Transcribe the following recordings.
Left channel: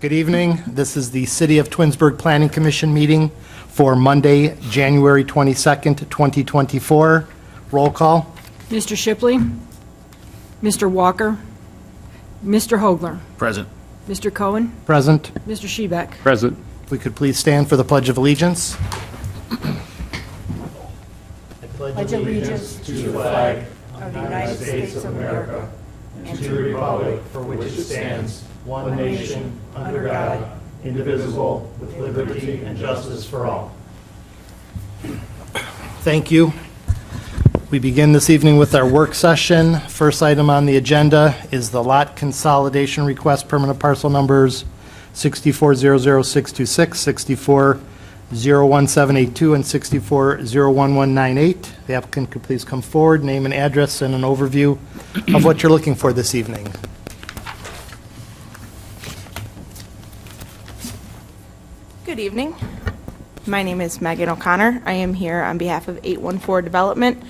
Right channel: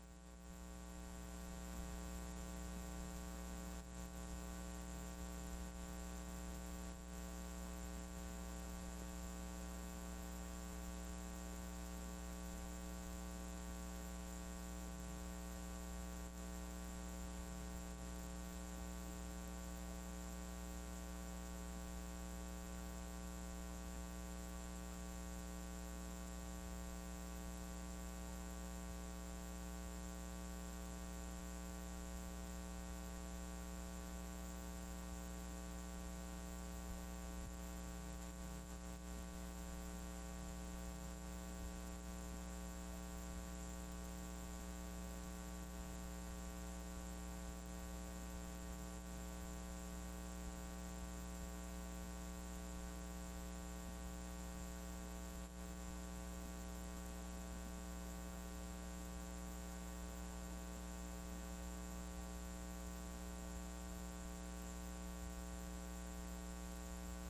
Good evening. This is the City of Twinsburg Planning Commission meeting for Monday, January 22nd, 2024. Roll call. Mr. Shipley, Mr. Walker, Mr. Hogler, Present. Mr. Cohen, Present. Mr. Shebeck. Present. If we could please stand for the Pledge of Allegiance. Pledge allegiance to the flag of the United States of America and to the republic for which it stands, one nation, under God, indivisible, with liberty and justice for all. Thank you. We begin this evening with our work session. First item on the agenda is the lot consolidation request, permanent parcel numbers 6400626, 6401782, and 6401198. The applicant could please come forward, name and address, and an overview of what you're looking for this evening. Good evening. My name is Megan O'Connor. I am here on behalf of 814 Development.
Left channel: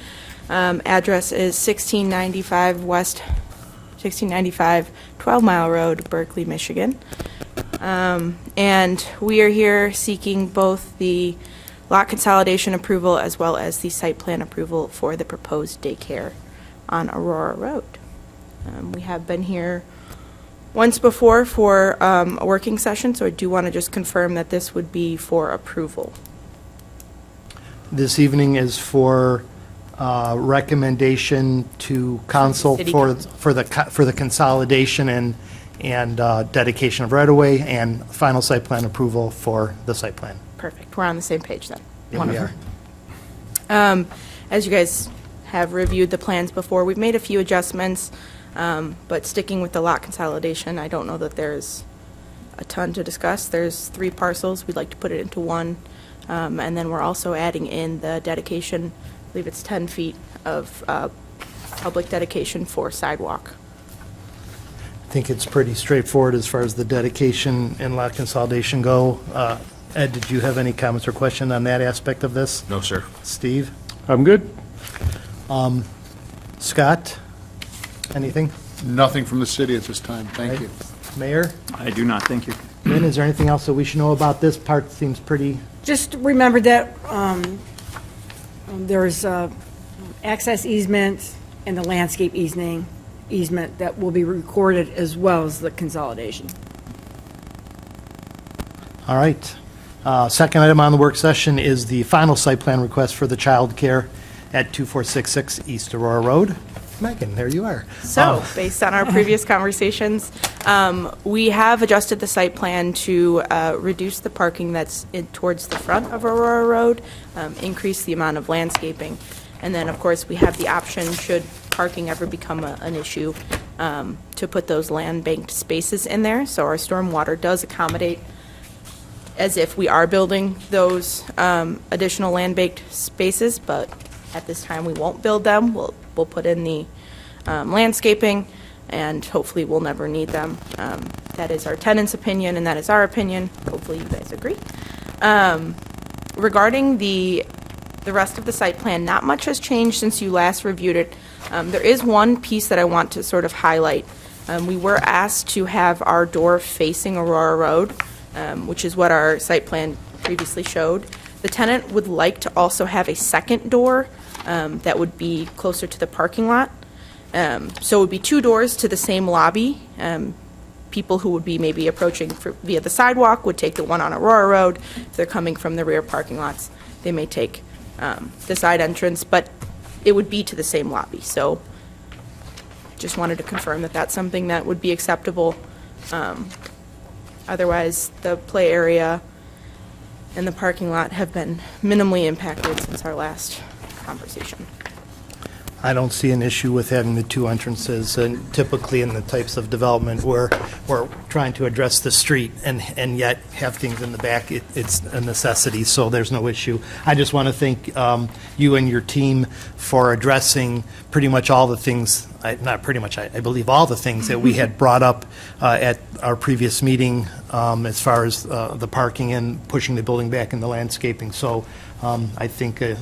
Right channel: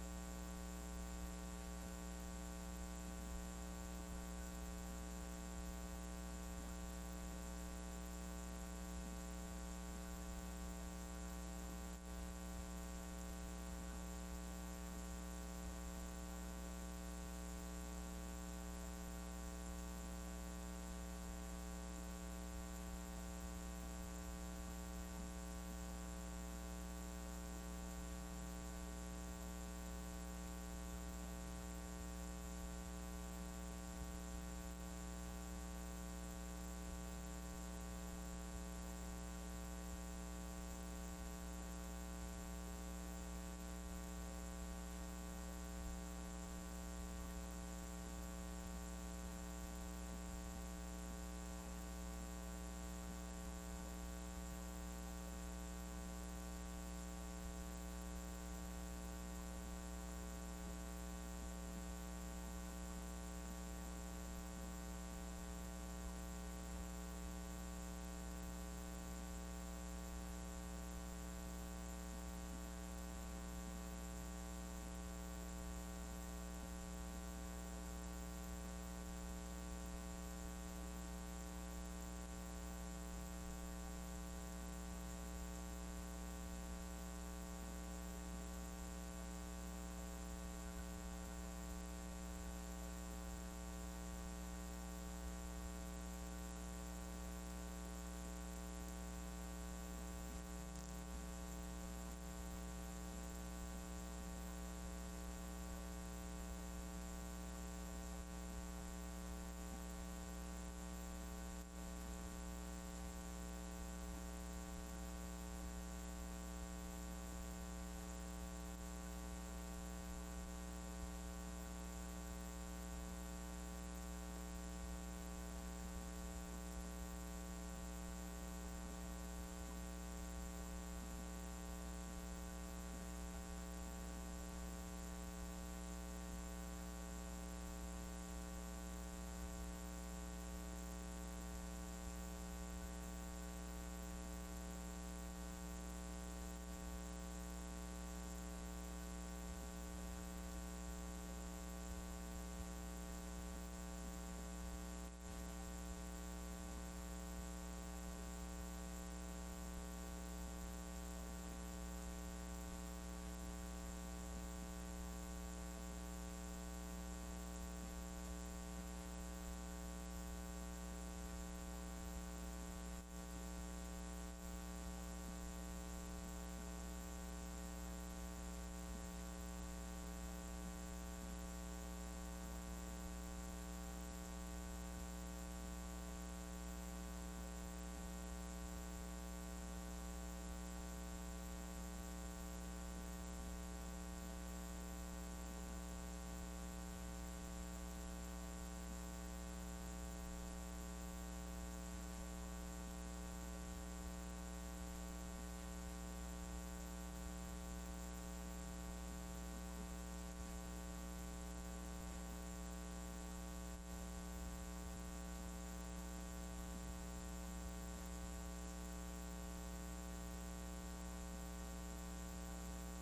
Address is 1695 12 Mile Road, Berkeley, Michigan. And we are here seeking both the lot consolidation approval as well as the site plan approval for the proposed daycare on Aurora Road. We have been here once before for a working session, so I do want to just confirm that this would be for approval. This evening is for recommendation to council City for Council. the consolidation and dedication of right-of-way and final site plan approval for the site plan. Perfect. We're on the same page then. Yeah, we Wonderful. are. As you guys have reviewed the plans before, we've made a few adjustments, but sticking with the lot consolidation, I don't know that there's a ton to discuss. There's 3 parcels. We'd like to put it into one. And then we're also adding in the dedication, I believe it's 10 feet of public dedication for sidewalk. I think it's pretty straightforward as far as the dedication and lot consolidation go. Ed, did you have any comments or question on that aspect of this? No, sir. Steve? I'm good. Scott? Anything? Nothing from the city at this time. Thank Right. you. Mayor? I do not, thank you. Lynn, is there anything else that we should know about this part? Seems pretty, Just remember that there's access easement and the landscape easement that will be recorded as well as the consolidation. all right. Second item on the work session is the final site plan request for the child care at 2466 East Aurora Road. Megan, there you are. So, based on our previous conversations, we have adjusted the site plan to reduce the parking that's towards the front of Aurora Road, increase the amount of landscaping, and then, of course, we have the option, should parking ever become an issue, to put those land-banked spaces in there. So our stormwater does accommodate as if we are building those additional land-baked spaces, but at this time, we won't build them. We'll put in the landscaping, and hopefully we'll never need them. That is our tenant's opinion, and that is our opinion. Hopefully you guys agree. Regarding the rest of the site plan, not much has changed since you last reviewed it. There is one piece that I want to sort of highlight. We were asked to have our door facing Aurora Road, which is what our site plan previously showed. The tenant would like to also have a second door that would be closer to the parking lot. So it would be 2 doors to the same lobby. People who would be maybe approaching via the sidewalk would take the one on Aurora Road. If they're coming from the rear parking lots, they may take the side entrance, but it would be to the same lobby. So just wanted to confirm that that's something that would be acceptable. Otherwise, the play area and the parking lot have been minimally impacted since our last conversation. I don't see an issue with having the 2 entrances, and typically in the types of development where we're trying to address the street and yet have things in the back, it's a necessity, so there's no issue. I just want to thank you and your team for addressing pretty much all the things, not pretty much, I believe all the things that we had brought up at our previous meeting as far as the parking and pushing the building back and the landscaping. So I think the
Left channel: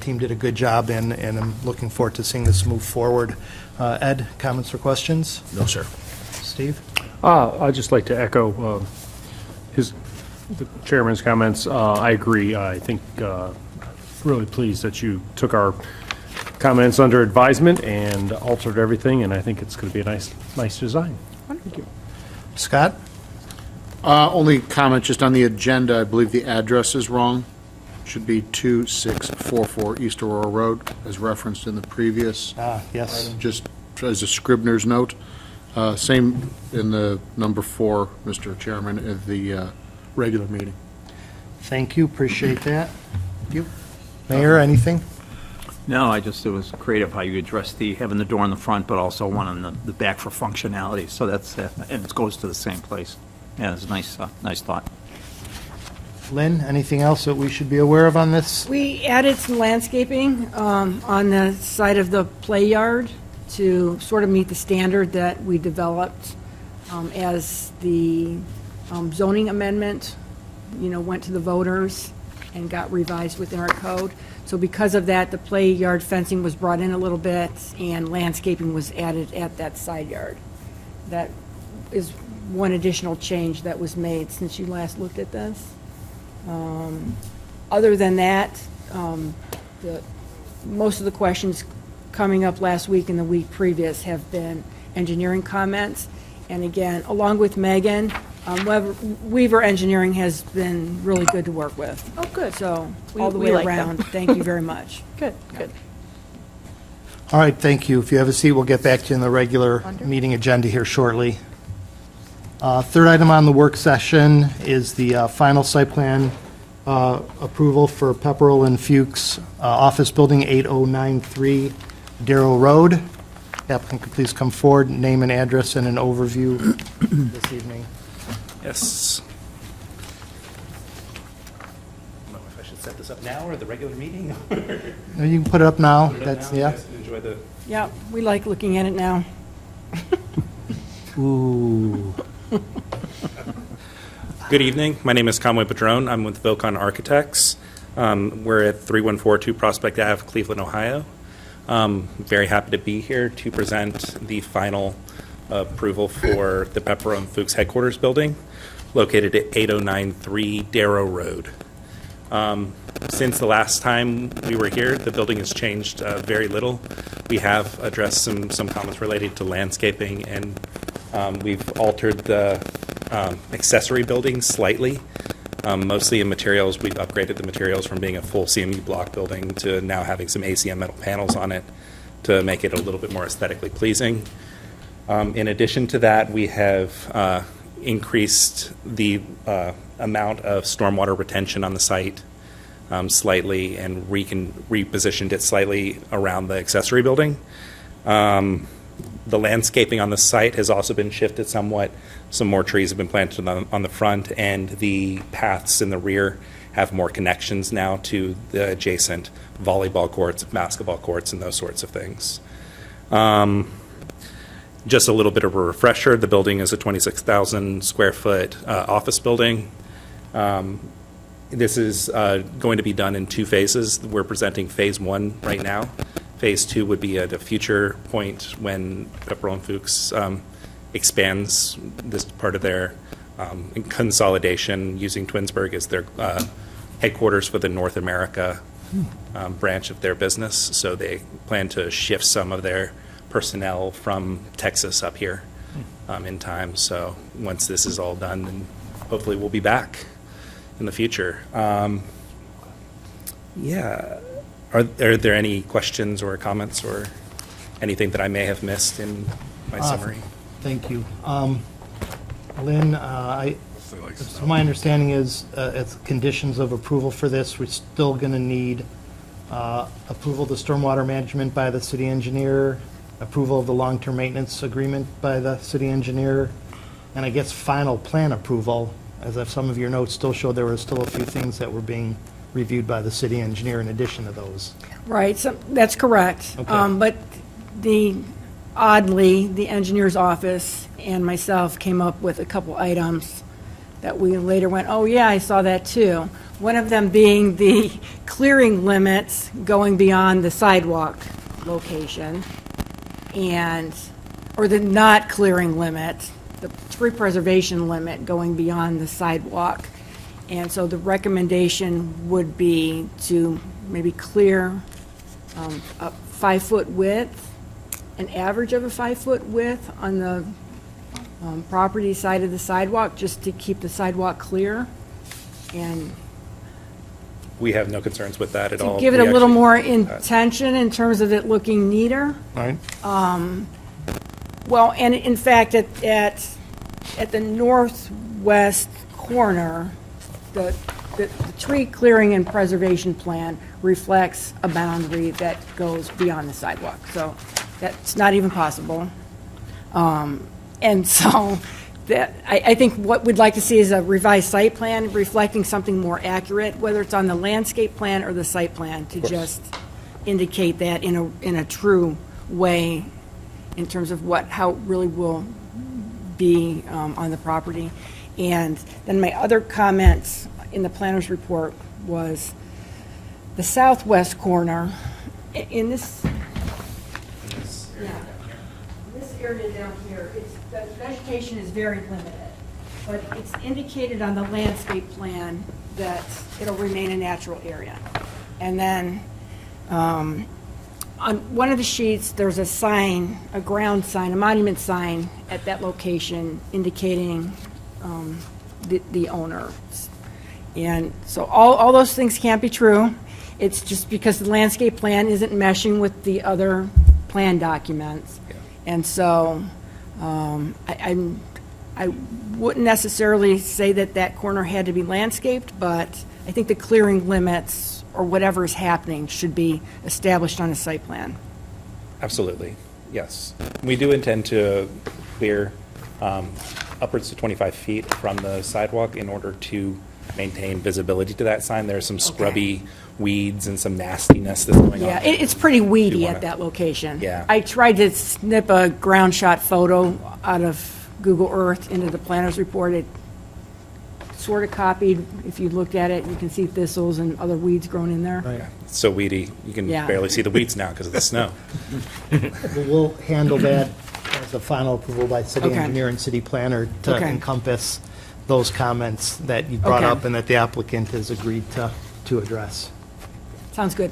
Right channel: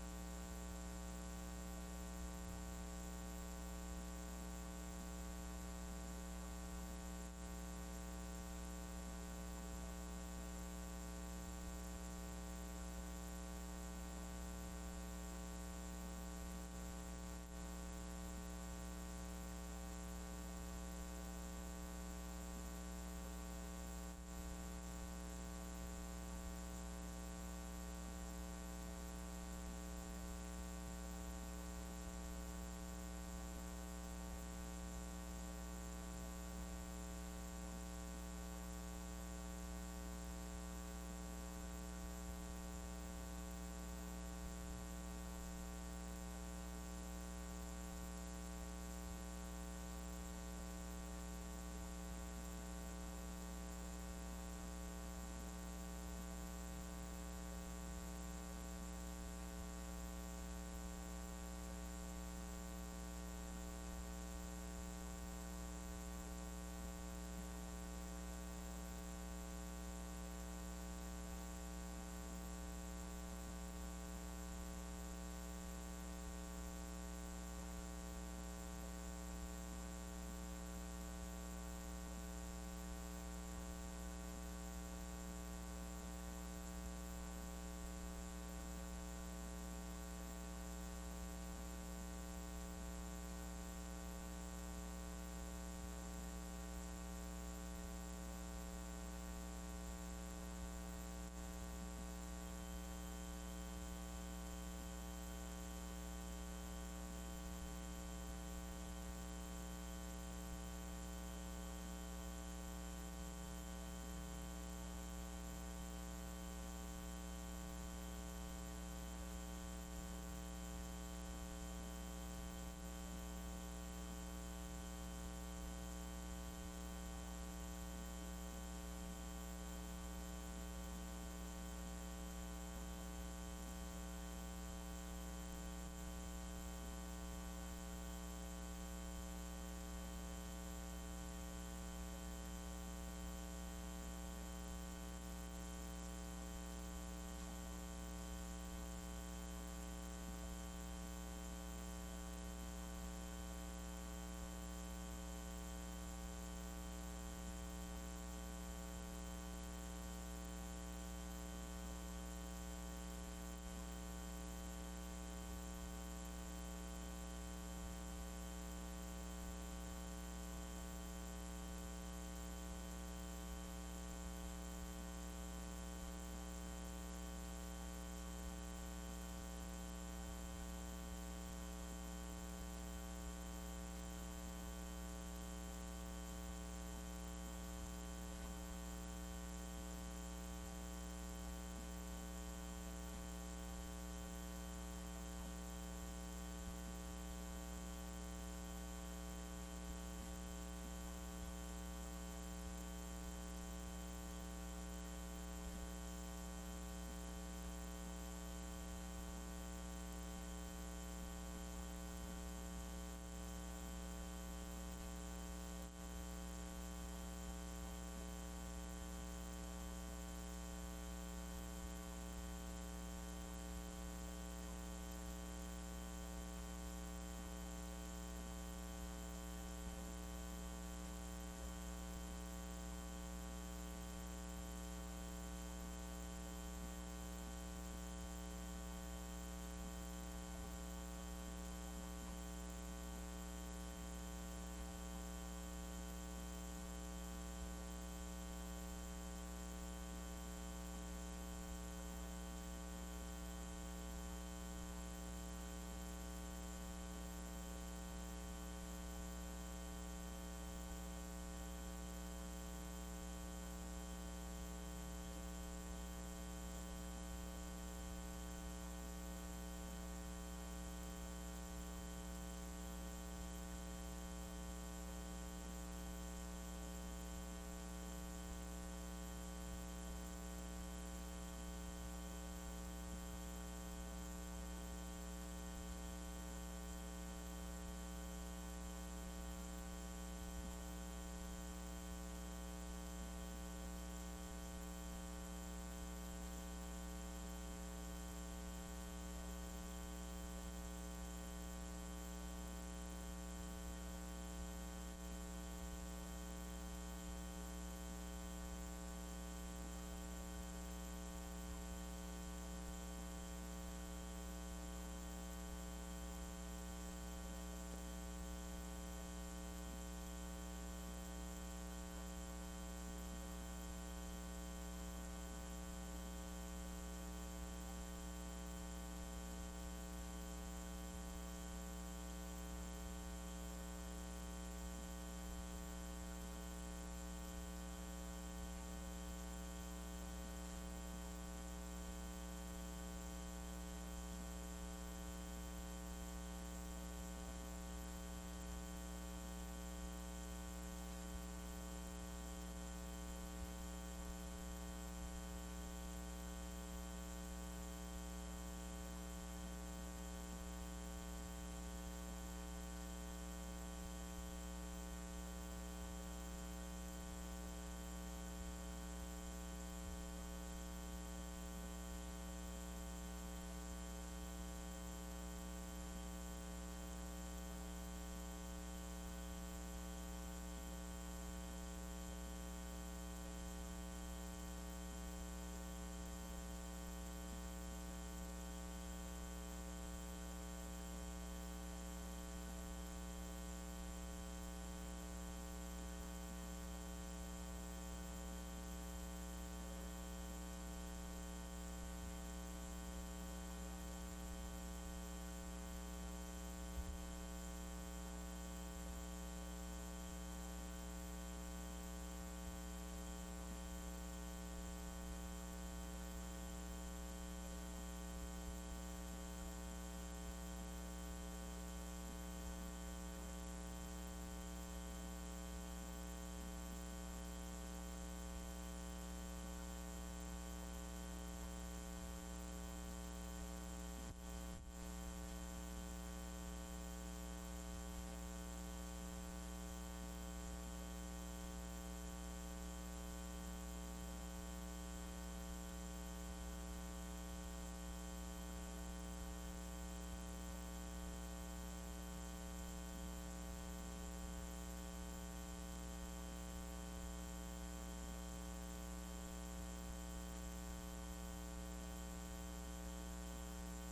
team did a good job, and I'm looking forward to seeing this move forward. Ed, comments or questions? No, sir. Steve? I'd just like to echo the chairman's comments. I agree. I think really pleased that you took our comments under advisement and altered everything, and I think it's going to be a nice design. Thank you. Scott? Only comment just on the agenda, I believe the address is wrong. Should be 2644 East Aurora Road, as referenced in the previous. Yes. Just as a Scribner's note. Same in the number 4, Mr. Chairman, of the regular meeting. Thank you, appreciate that. You, Mayor, anything? No, it was creative how you addressed having the door in the front, but also one on the back for functionality. So that's, and it goes to the same place. Yeah, it's a nice thought. Lynn, anything else that we should be aware of on this? We added some landscaping on the side of the play yard to sort of meet the standard that we developed as the zoning amendment, went to the voters and got revised within our code. So because of that, the play yard fencing was brought in a little bit and landscaping was added at that side yard. That is one additional change that was made since you last looked at this. Other than that, most of the questions coming up last week and the week previous have been engineering comments. And again, along with Megan, Weaver Engineering has been really good to work with. Oh, good. So, We- all the we way like them. around, thank you very much. Good, good. All right, thank you. If you have a seat, we'll get back to you in the regular Wonderful. meeting agenda here shortly. Third item on the work session is the final site plan approval for Pepperell and Fuchs Office Building 8093 Darrow Road. Applicant could please come forward, name and address, and an overview this evening. Yes. I don't know if I should set this up now or the regular meeting. No, you can put it up now. Put it up That's, now, you yeah. guys can enjoy the. Yeah, we like looking at it now. Ooh. Good evening. My name is Conway Padron. I'm with Vilcon Architects. We're at 3142 Prospect Ave, Cleveland, Ohio. Very happy to be here to present the final approval for the Pepperell and Fuchs headquarters building located at 8093 Darrow Road. Since the last time we were here, the building has changed very little. We have addressed some comments related to landscaping, and we've altered the accessory building slightly, mostly in materials. We've upgraded the materials from being a full CMU block building to now having some ACM metal panels on it to make it a little bit more aesthetically pleasing. In addition to that, we have increased the amount of stormwater retention on the site slightly and repositioned it slightly around the accessory building. The landscaping on the site has also been shifted somewhat. Some more trees have been planted on the front, and the paths in the rear have more connections now to the adjacent volleyball courts, basketball courts, and those sorts of things. Just a little bit of a refresher, the building is a 26,000 square foot office building. This is going to be done in 2 phases. We're presenting phase 1 right now. Phase 2 would be at a future point when Pepperell and Fuchs expands this part of their consolidation, using Twinsburg as their headquarters for the North America branch of their business. So they plan to shift some of their personnel from Texas up here in time. So once this is all done, then hopefully we'll be back in the future. Yeah. Are there any questions or comments or anything that I may have missed in my summary? Thank you. Lynn, so my understanding is, as conditions of approval for this, we're still going to need approval of the stormwater management by the city engineer, approval of the long-term maintenance agreement by the city engineer, and I guess final plan approval, as if some of your notes still show there were still a few things that were being reviewed by the city engineer in addition to those. Right, so that's correct. Okay. But oddly, the engineer's office and myself came up with a couple items that we later went, oh yeah, I saw that too. One of them being the clearing limits going beyond the sidewalk location, or the not clearing limit the tree preservation limit going beyond the sidewalk. And so the recommendation would be to maybe clear a 5-foot width, an average of a 5-foot width on the property side of the sidewalk, just to keep the sidewalk clear. And We have no concerns with that at all. to give it a We little actually- more intention in terms of it looking neater. All right. Well, and in fact, at the northwest corner, the tree clearing and preservation plan reflects a boundary that goes beyond the sidewalk. So that's not even possible. And so that, I think what we'd like to see is a revised site plan reflecting something more accurate, whether it's on the landscape plan or the site plan, to just indicate that in a true way in terms of how it really will be on the property. And then my other comments in the planner's report was the southwest corner, in this, yeah, this area down here, the vegetation is very limited, but it's indicated on the landscape plan that it'll remain a natural area. And then, on one of the sheets, there's a sign, a ground sign, a monument sign at that location indicating the owner. And so all those things can't be true. It's just because the landscape plan isn't meshing with the other plan documents. And so I wouldn't necessarily say that corner had to be landscaped, but I think the clearing limits or whatever is happening should be established on a site plan. Absolutely, yes. We do intend to clear upwards to 25 feet from the sidewalk in order to maintain visibility to that sign. There's some scrubby weeds and some nastiness that's going on. Yeah, it's pretty weedy You wanna- at that location. Yeah. I tried to snip a ground shot photo out of Google Earth into the planner's report. It sort of copied. If you looked at it, you can see thistles and other weeds growing in there. Yeah, it's so weedy, you can Yeah. barely see the weeds now because of the snow. We'll handle that as a final approval by city Okay. engineer and city planner to Okay. encompass those comments that you brought Okay. up and that the applicant has agreed to address. Sounds good.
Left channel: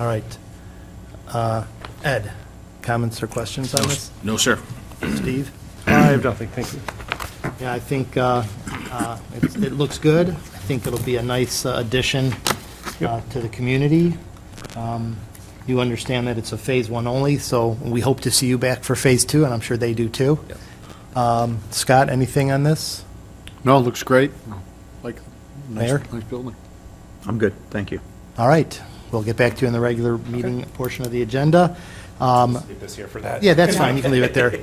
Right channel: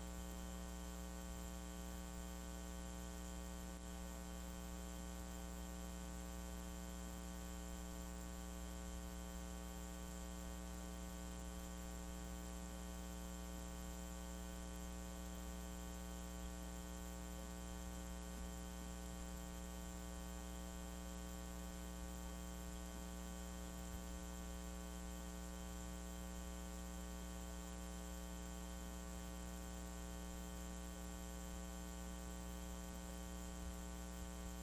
All right. Ed, comments or questions on this? No, sir. Steve? I have nothing, thank you. Yeah, I think it looks good. I think it'll be a nice addition to the community. You understand that it's a Phase 1 only, so we hope to see you back for Phase 2, and I'm sure they do too. Scott, anything on this? No, it looks great. Like, Mayor? nice building. I'm good, thank you. All right, we'll get back to you in the regular meeting portion of the agenda. Leave this here for that. Yeah, that's fine, you can leave it there.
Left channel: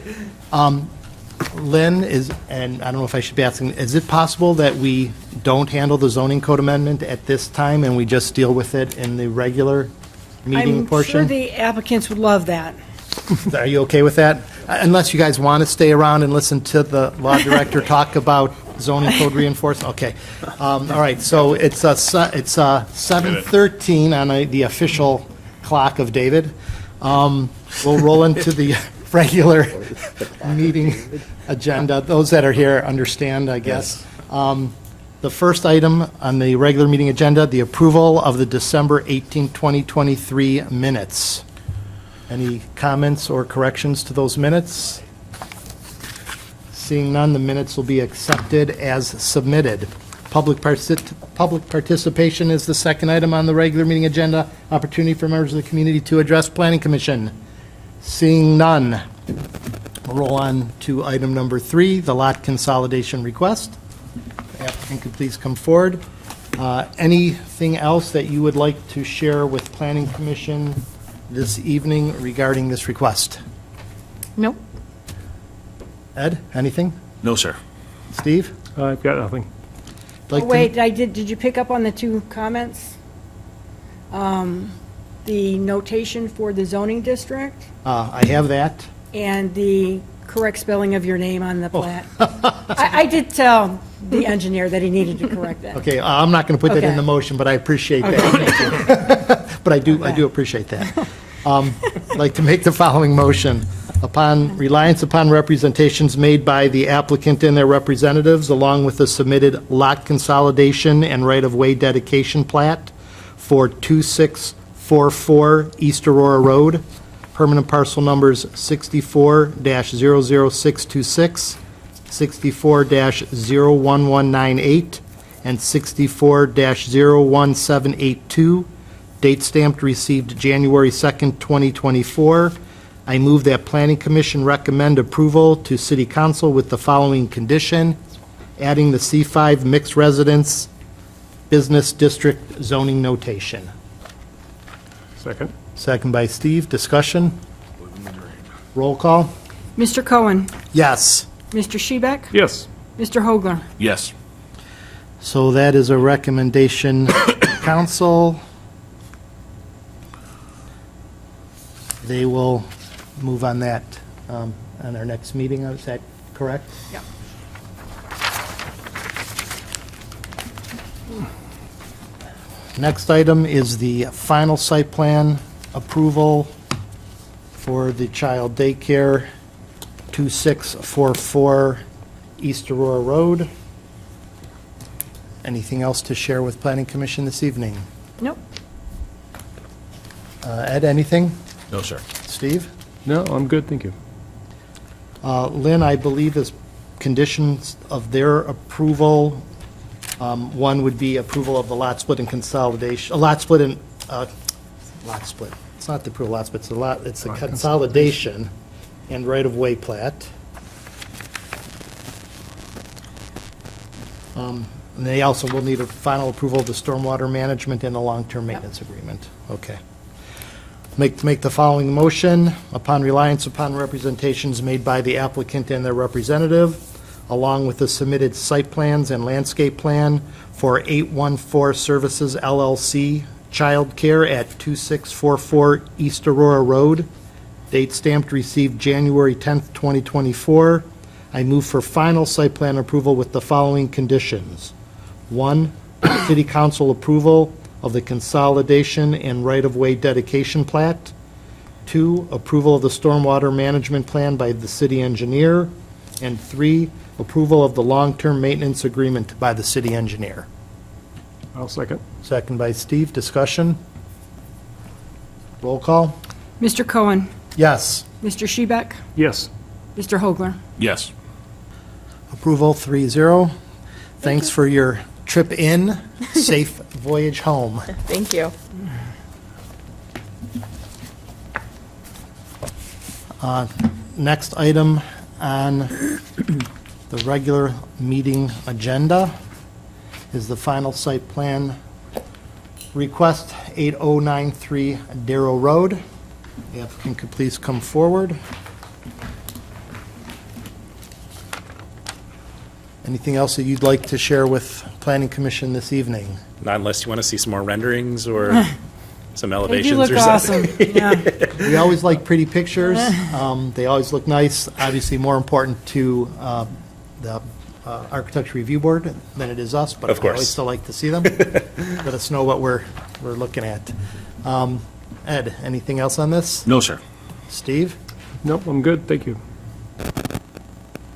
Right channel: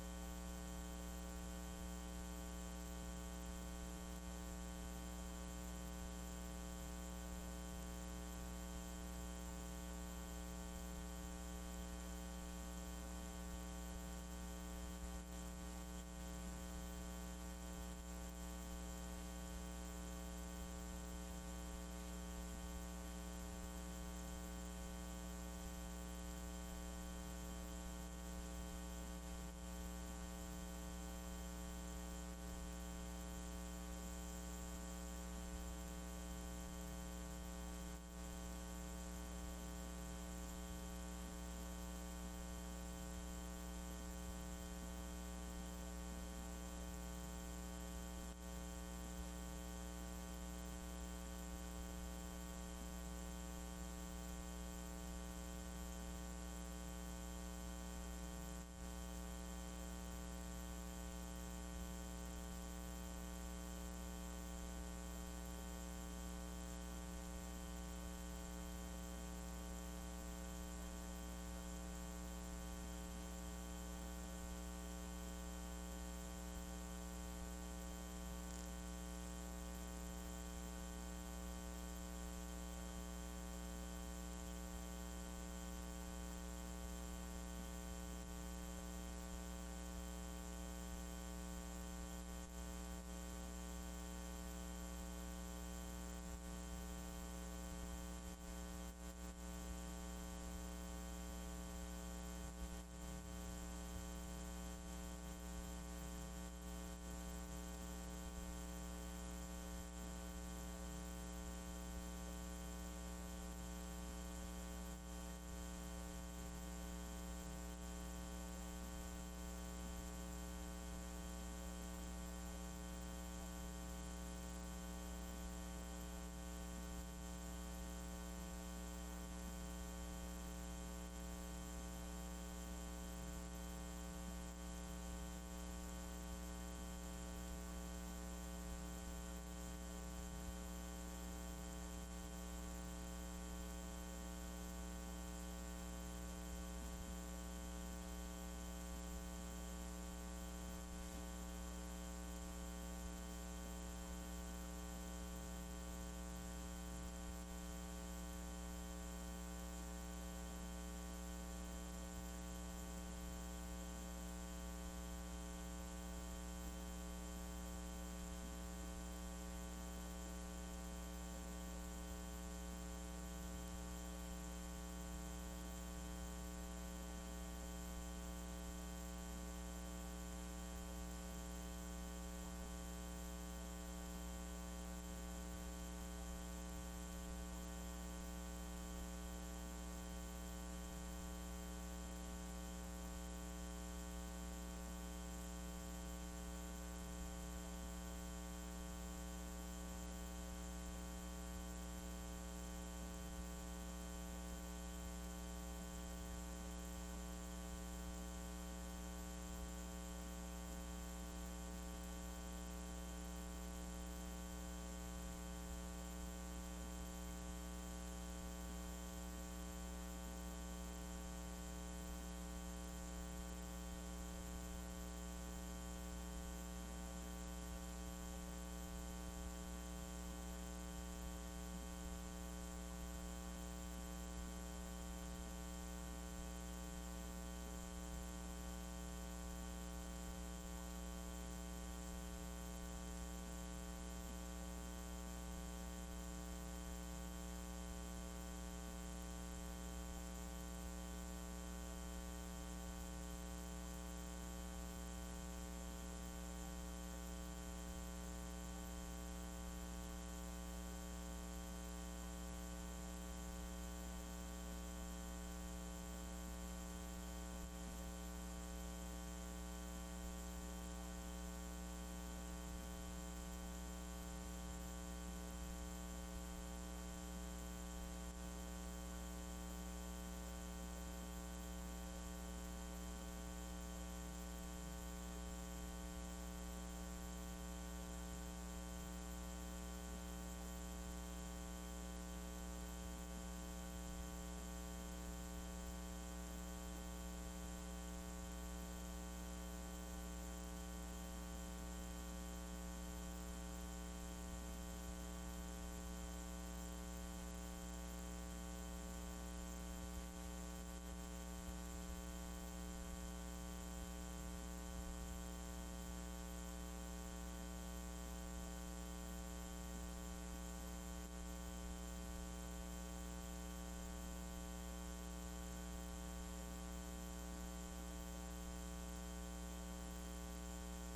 Lynn is, and I don't know if I should be asking, is it possible that we don't handle the zoning code amendment at this time and we just deal with it in the regular meeting I'm sure portion? the applicants would love that. Are you okay with that? Unless you guys want to stay around and listen to the law director talk about zoning code reinforcement? Okay. All right, so it's 7:13 on the official clock of David. We'll roll into the regular meeting agenda. Those that are here understand, I guess. The first item on the regular meeting agenda, the approval of the December 18, 2023 minutes. Any comments or corrections to those minutes? Seeing none, the minutes will be accepted as submitted. Public participation is the second item on the regular meeting agenda. Opportunity for members of the community to address Planning Commission. Seeing none, we'll roll on to item number 3, the lot consolidation request. The applicant could please come forward. Anything else that you would like to share with Planning Commission this evening regarding this request? Nope. Ed, anything? No, sir. Steve? I've got nothing. Like Oh, to- wait, did you pick up on the two comments? The notation for the zoning district I have that. and the correct spelling of your name on the Oh. plat. I did tell the engineer that he needed to correct that. Okay, I'm not going to put that in Okay. the motion, but I appreciate that. But I do appreciate that. I'd like to make the following motion. Upon reliance upon representations made by the applicant and their representatives, along with the submitted lot consolidation and right-of-way dedication plat for 2644 East Aurora Road, permanent parcel numbers 64-00626, 64-01198, and 64-01782, date stamped received January 2nd, 2024. I move that Planning Commission recommend approval to City Council with the following condition: adding the C5 mixed residence business district zoning notation. Second? Second by Steve. Discussion? Roll call? Mr. Cohen? Yes. Mr. Shebeck? Yes. Mr. Hogler? Yes. So that is a recommendation, council. They will move on that on our next meeting, is that correct? Yeah. Next item is the final site plan approval for the child daycare, 2644 East Aurora Road. Anything else to share with Planning Commission this evening? Nope. Ed, anything? No, sir. Steve? No, I'm good, thank you. Lynn, I believe is conditions of their approval, one would be approval of the lot split and consolidation, lot split. It's not the approval lot split, it's the consolidation and right-of-way plat. And they also will need a final approval of the stormwater management and the long-term maintenance agreement. Okay. Make the following motion: upon reliance upon representations made by the applicant and their representative, along with the submitted site plans and landscape plan for 814 Services LLC Childcare at 2644 East Aurora Road, date stamped received January 10th, 2024. I move for final site plan approval with the following conditions. 1, City Council approval of the consolidation and right-of-way dedication plat. 2, approval of the stormwater management plan by the city engineer. And 3, approval of the long-term maintenance agreement by the city engineer. I'll second. Second by Steve. Discussion? Roll call? Mr. Cohen? Yes. Mr. Shebeck? Yes. Mr. Hogler? Yes. Approval 3-0. Thanks for your trip in. Safe voyage home. Thank you. Next item on the regular meeting agenda is the final site plan request, 8093 Darrow Road. The applicant could please come forward. Anything else that you'd like to share with Planning Commission this evening? Not unless you want to see some more renderings or some They elevations do look or something. awesome, yeah. We always like pretty pictures. They always look nice. Obviously, more important to the Architecture Review Board than it is us, but Of I course. always still like to see them. Let us know what we're looking at. Ed, anything else on this? No, sir. Steve? Nope, I'm good, thank you.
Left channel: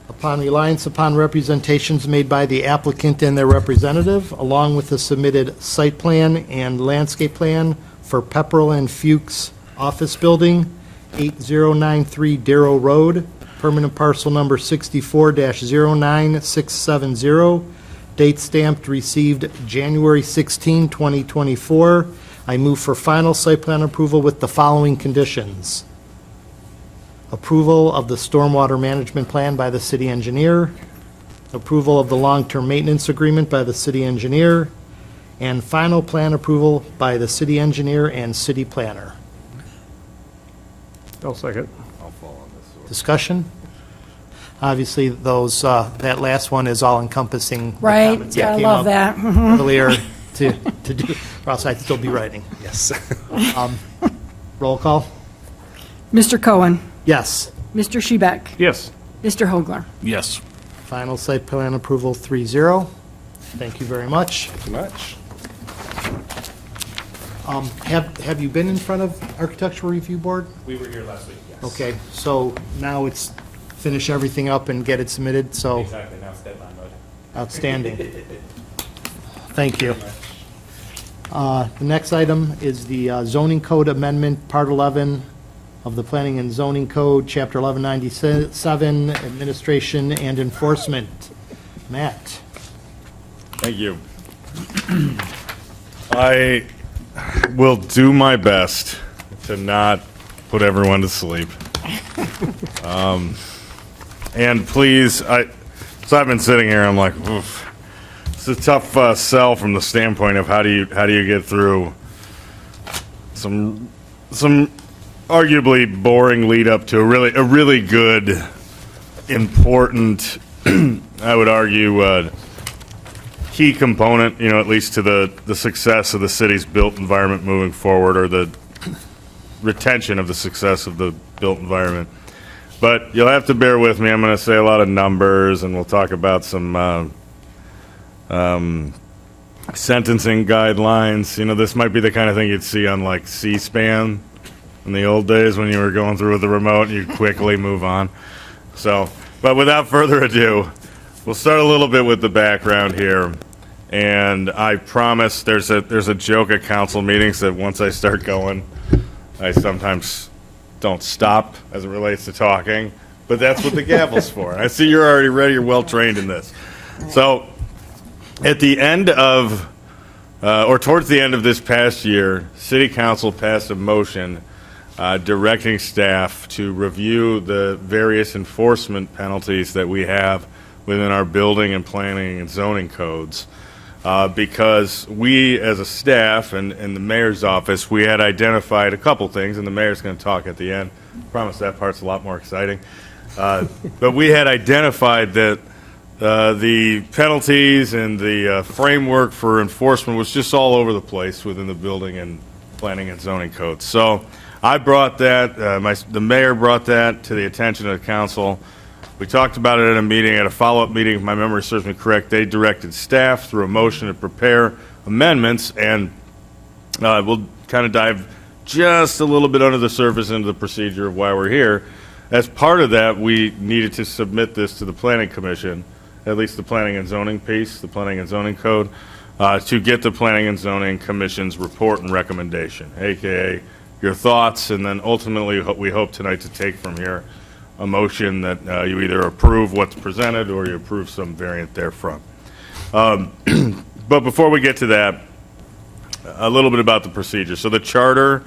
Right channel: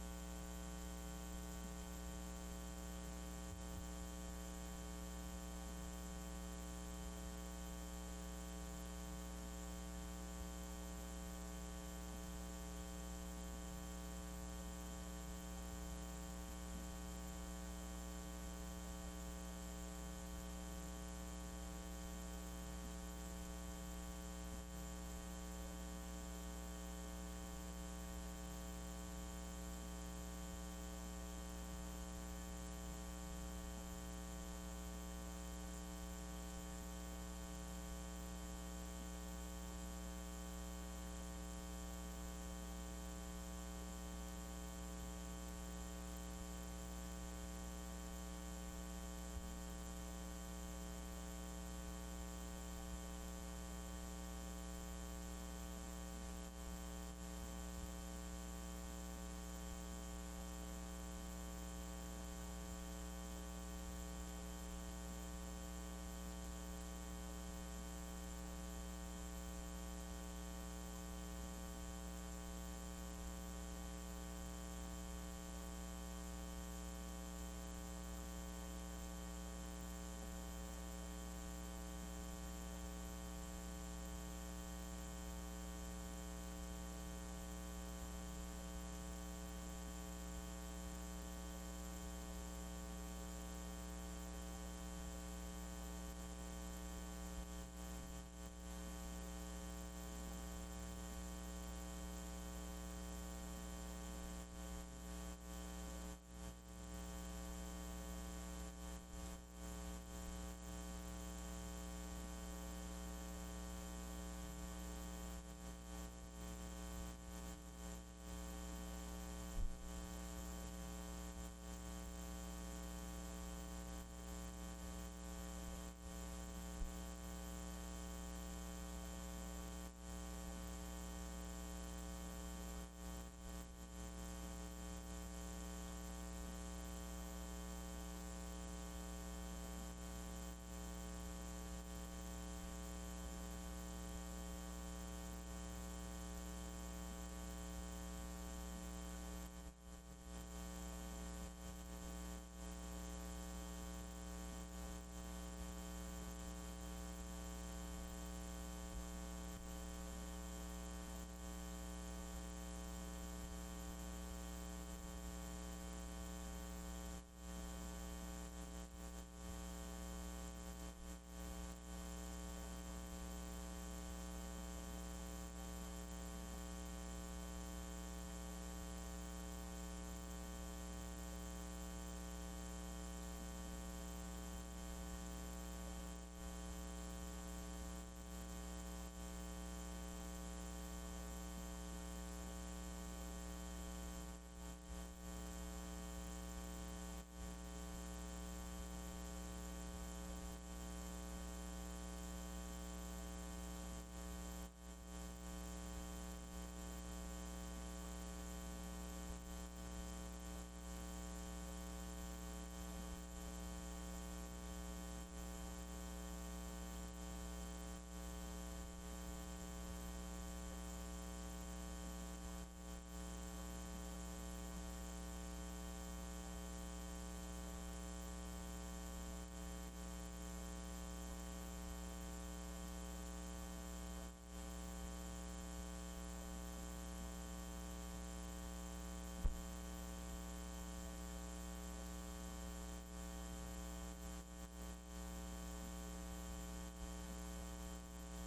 Upon reliance upon representations made by the applicant and their representative, along with the submitted site plan and landscape plan for Pepperell and Fuchs Office Building, 8093 Darrow Road, permanent parcel number 64-09670, date stamped received January 16, 2024. I move for final site plan approval with the following conditions: approval of the stormwater management plan by the city engineer, approval of the long-term maintenance agreement by the city engineer, and final plan approval by the city engineer and city planner. I'll second. Discussion? Obviously, those, that last one is all-encompassing. The Right, comments that I came love up that. Earlier to do, or else I'd still be writing. Yes. Roll call? Mr. Cohen? Yes. Mr. Shebeck? Yes. Mr. Hogler? Yes. Final site plan approval 3-0. Thank you very much. Thank you much. Have you been in front of Architectural Review Board? We were here last week, yeah. Okay, so now it's finish everything up and get it submitted, so Exactly, now it's deadline mode. outstanding. Thank you. The next item is the zoning code amendment, Part 11 of the Planning and Zoning Code, Chapter 1197, Administration and Enforcement. Matt? Thank you. I will do my best to not put everyone to sleep. And please, so I've been sitting here, I'm like, oof. It's a tough sell from the standpoint of how do you get through some arguably boring lead up to a really good, important, I would argue, key component, at least to the success of the city's built environment moving forward, or the retention of the success of the built environment. But you'll have to bear with me. I'm going to say a lot of numbers, and we'll talk about some sentencing guidelines. This might be the kind of thing you'd see on like C-SPAN in the old days when you were going through with the remote and you'd quickly move on. So, but without further ado, we'll start a little bit with the background here. And I promise there's a joke at council meetings that once I start going, I sometimes don't stop as it relates to talking, but that's what the gavel's for. I see you're already ready, you're well trained in this. So at the end of, or towards the end of this past year, City Council passed a motion directing staff to review the various enforcement penalties that we have within our building and planning and zoning codes. Because we, as a staff and the mayor's office, we had identified a couple things, and the mayor's going to talk at the end. I promise that part's a lot more exciting. But we had identified that the penalties and the framework for enforcement was just all over the place within the building and planning and zoning codes. So I brought that, the mayor brought that to the attention of the council. We talked about it at a meeting, at a follow-up meeting, if my memory serves me correct. They directed staff through a motion to prepare amendments, and we'll kind of dive just a little bit under the surface into the procedure of why we're here. As part of that, we needed to submit this to the Planning Commission, at least the Planning and Zoning piece, the Planning and Zoning Code, to get the Planning and Zoning Commission's report and recommendation, aka your thoughts, and then ultimately we hope tonight to take from here a motion that you either approve what's presented or you approve some variant therefrom. But before we get to that, a little bit about the procedure. So the charter,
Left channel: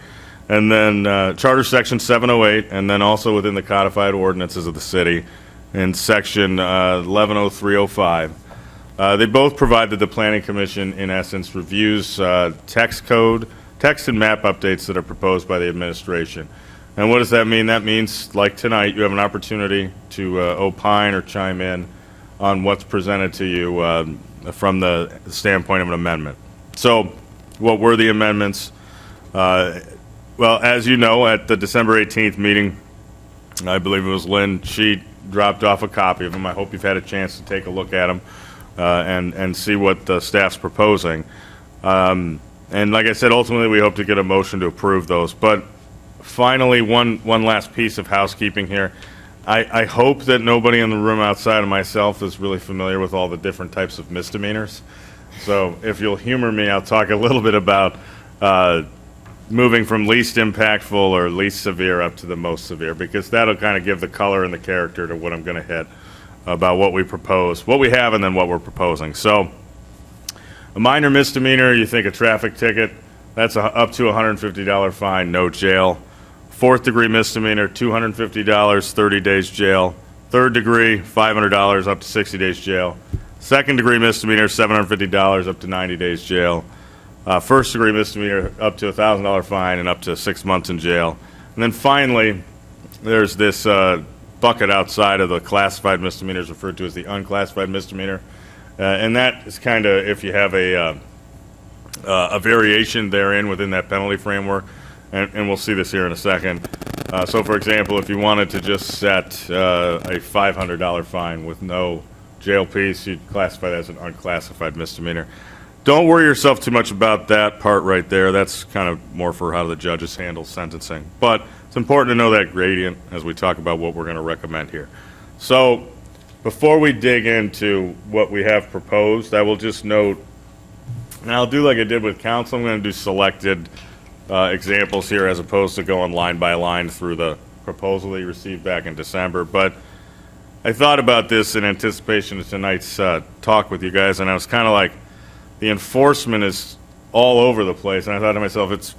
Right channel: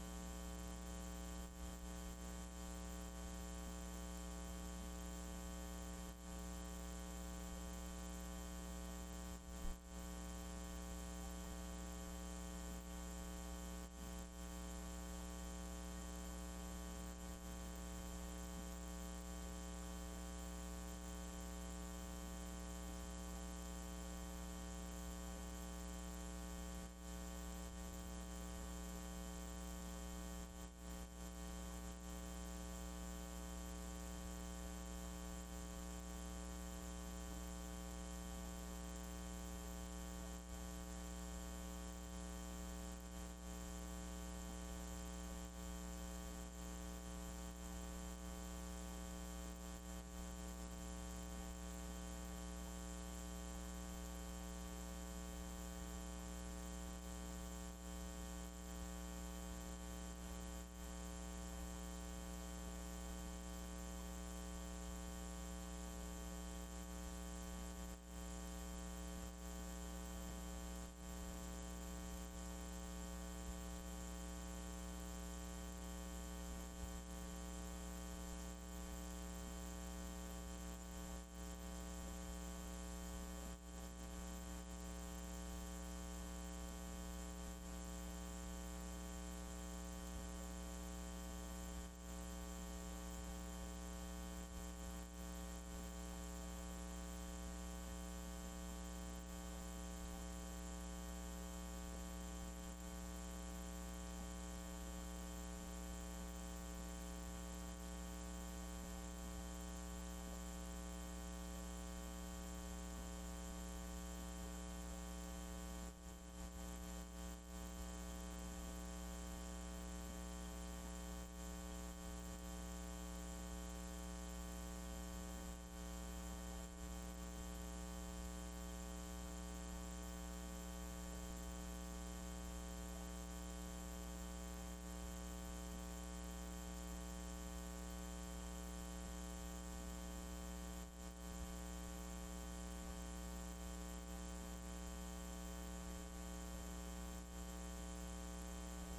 and then Charter Section 708, and then also within the codified ordinances of the city in Section 110305. They both provide that the Planning Commission, in essence, reviews text and map updates that are proposed by the administration. And what does that mean? That means, like tonight, you have an opportunity to opine or chime in on what's presented to you from the standpoint of an amendment. So, what were the amendments? Well, as you know, at the December 18th meeting, I believe it was Lynn, she dropped off a copy of them. I hope you've had a chance to take a look at them and see what the staff's proposing. And like I said, ultimately, we hope to get a motion to approve those. But finally, one last piece of housekeeping here. I hope that nobody in the room outside of myself is really familiar with all the different types of misdemeanors. So if you'll humor me, I'll talk a little bit about moving from least impactful or least severe up to the most severe, because that'll kind of give the color and the character to what I'm going to hit about what we propose, what we have, and then what we're proposing. So a minor misdemeanor, you think a traffic ticket, that's up to a $150 fine, no jail. Fourth degree misdemeanor, $250, 30 days jail. Third degree, $500, up to 60 days jail. Second degree misdemeanor, $750, up to 90 days jail. First degree misdemeanor, up to a $1,000 fine and up to 6 months in jail. And then finally, there's this bucket outside of the classified misdemeanors referred to as the unclassified misdemeanor. And that is kind of if you have a variation therein within that penalty framework, and we'll see this here in a second. So, for example, if you wanted to just set a $500 fine with no jail piece, you'd classify that as an unclassified misdemeanor. Don't worry yourself too much about that part right there. That's kind of more for how the judges handle sentencing. But it's important to know that gradient as we talk about what we're going to recommend here. So before we dig into what we have proposed, I will just note, and I'll do like I did with council, I'm going to do selected examples here as opposed to going line by line through the proposal that you received back in December. But I thought about this in anticipation of tonight's talk with you guys, and I was kind of like, the enforcement is all over the place, and I thought to myself,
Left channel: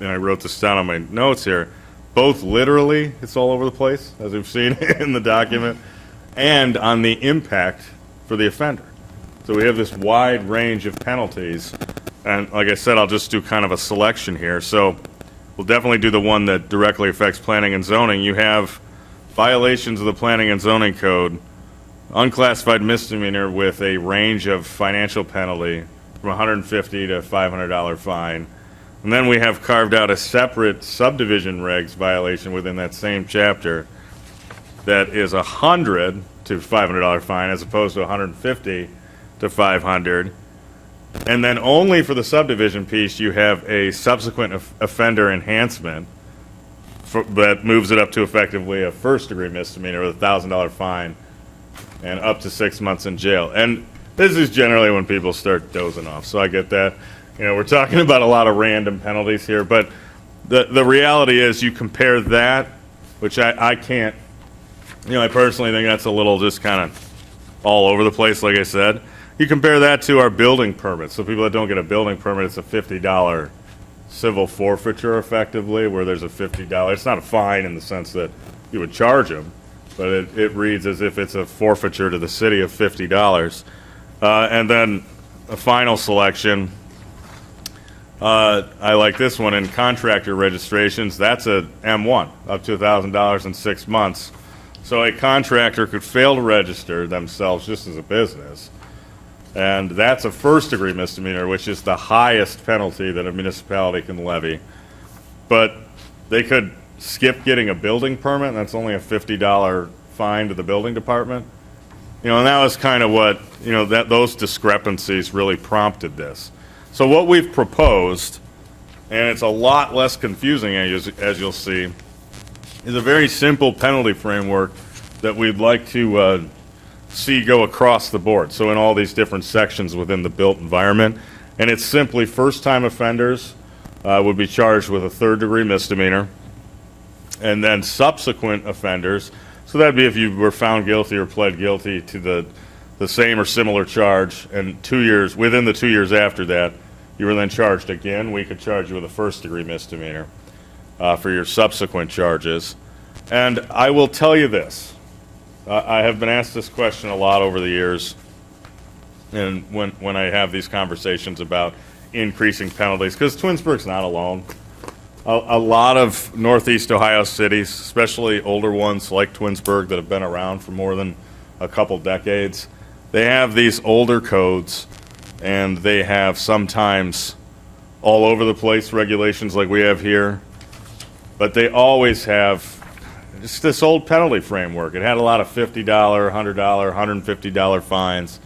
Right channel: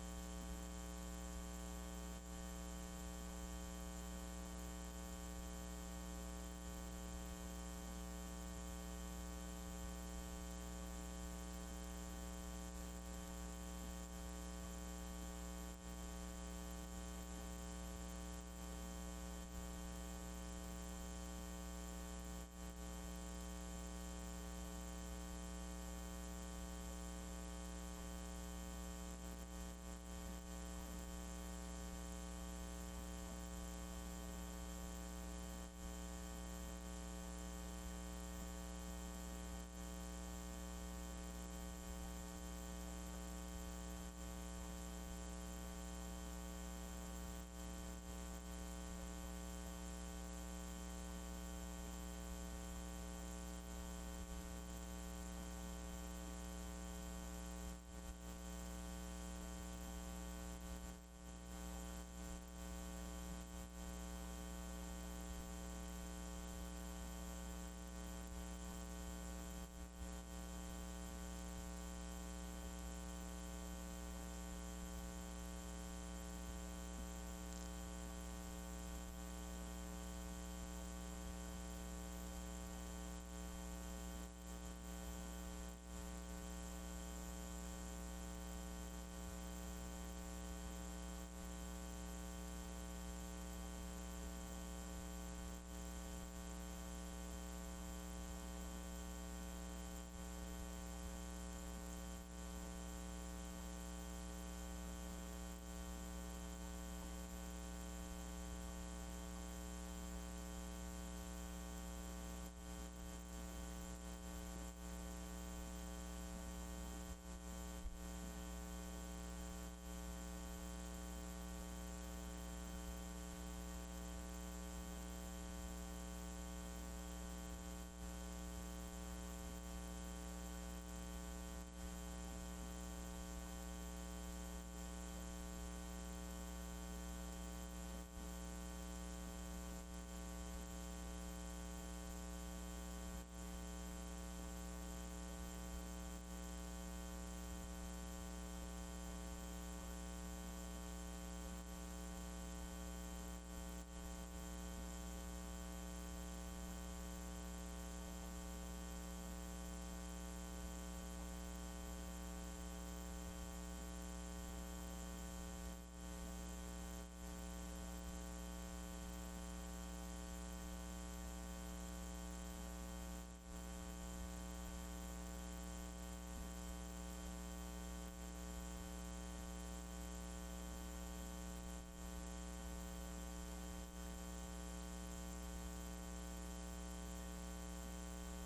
and I wrote this down on my notes here, both literally, it's all over the place, as we've seen in the document, and on the impact for the offender. So we have this wide range of penalties, and like I said, I'll just do kind of a selection here. So we'll definitely do the one that directly affects planning and zoning. You have violations of the planning and zoning code, unclassified misdemeanor with a range of financial penalty from $150 to $500 fine. And then we have carved out a separate subdivision regs violation within that same chapter that is $100 to $500 fine as opposed to $150 to $500. And then only for the subdivision piece, you have a subsequent offender enhancement that moves it up to effectively a first-degree misdemeanor with a $1,000 fine and up to 6 months in jail. And this is generally when people start dozing off, so I get that. You know, we're talking about a lot of random penalties here, but the reality is you compare that, which I can't, you know, I personally think that's a little just kind of all over the place, like I said. You compare that to our building permits. So people that don't get a building permit, it's a $50 civil forfeiture effectively, where there's a $50, it's not a fine in the sense that you would charge them, but it reads as if it's a forfeiture to the city of $50. And then a final selection, I like this one in contractor registrations. That's a M1, up to $1,000 in 6 months. So a contractor could fail to register themselves just as a business, and that's a first-degree misdemeanor, which is the highest penalty that a municipality can levy. But they could skip getting a building permit, and that's only a $50 fine to the building department. You know, and that was kind of what, you know, those discrepancies really prompted this. So what we've proposed, and it's a lot less confusing as you'll see, is a very simple penalty framework that we'd like to see go across the board. So in all these different sections within the built environment, and it's simply first-time offenders would be charged with a third-degree misdemeanor, and then subsequent offenders, so that'd be if you were found guilty or pled guilty to the same or similar charge, and 2 years, within the 2 years after that, you were then charged again, we could charge you with a first-degree misdemeanor for your subsequent charges. And I will tell you this, I have been asked this question a lot over the years, and when I have these conversations about increasing penalties, because Twinsburg's not alone. A lot of Northeast Ohio cities, especially older ones like Twinsburg that have been around for more than a couple decades, they have these older codes, and they have sometimes all over the place regulations like we have here, but they always have just this old penalty framework. It had a lot of $50, $100, $150 fines,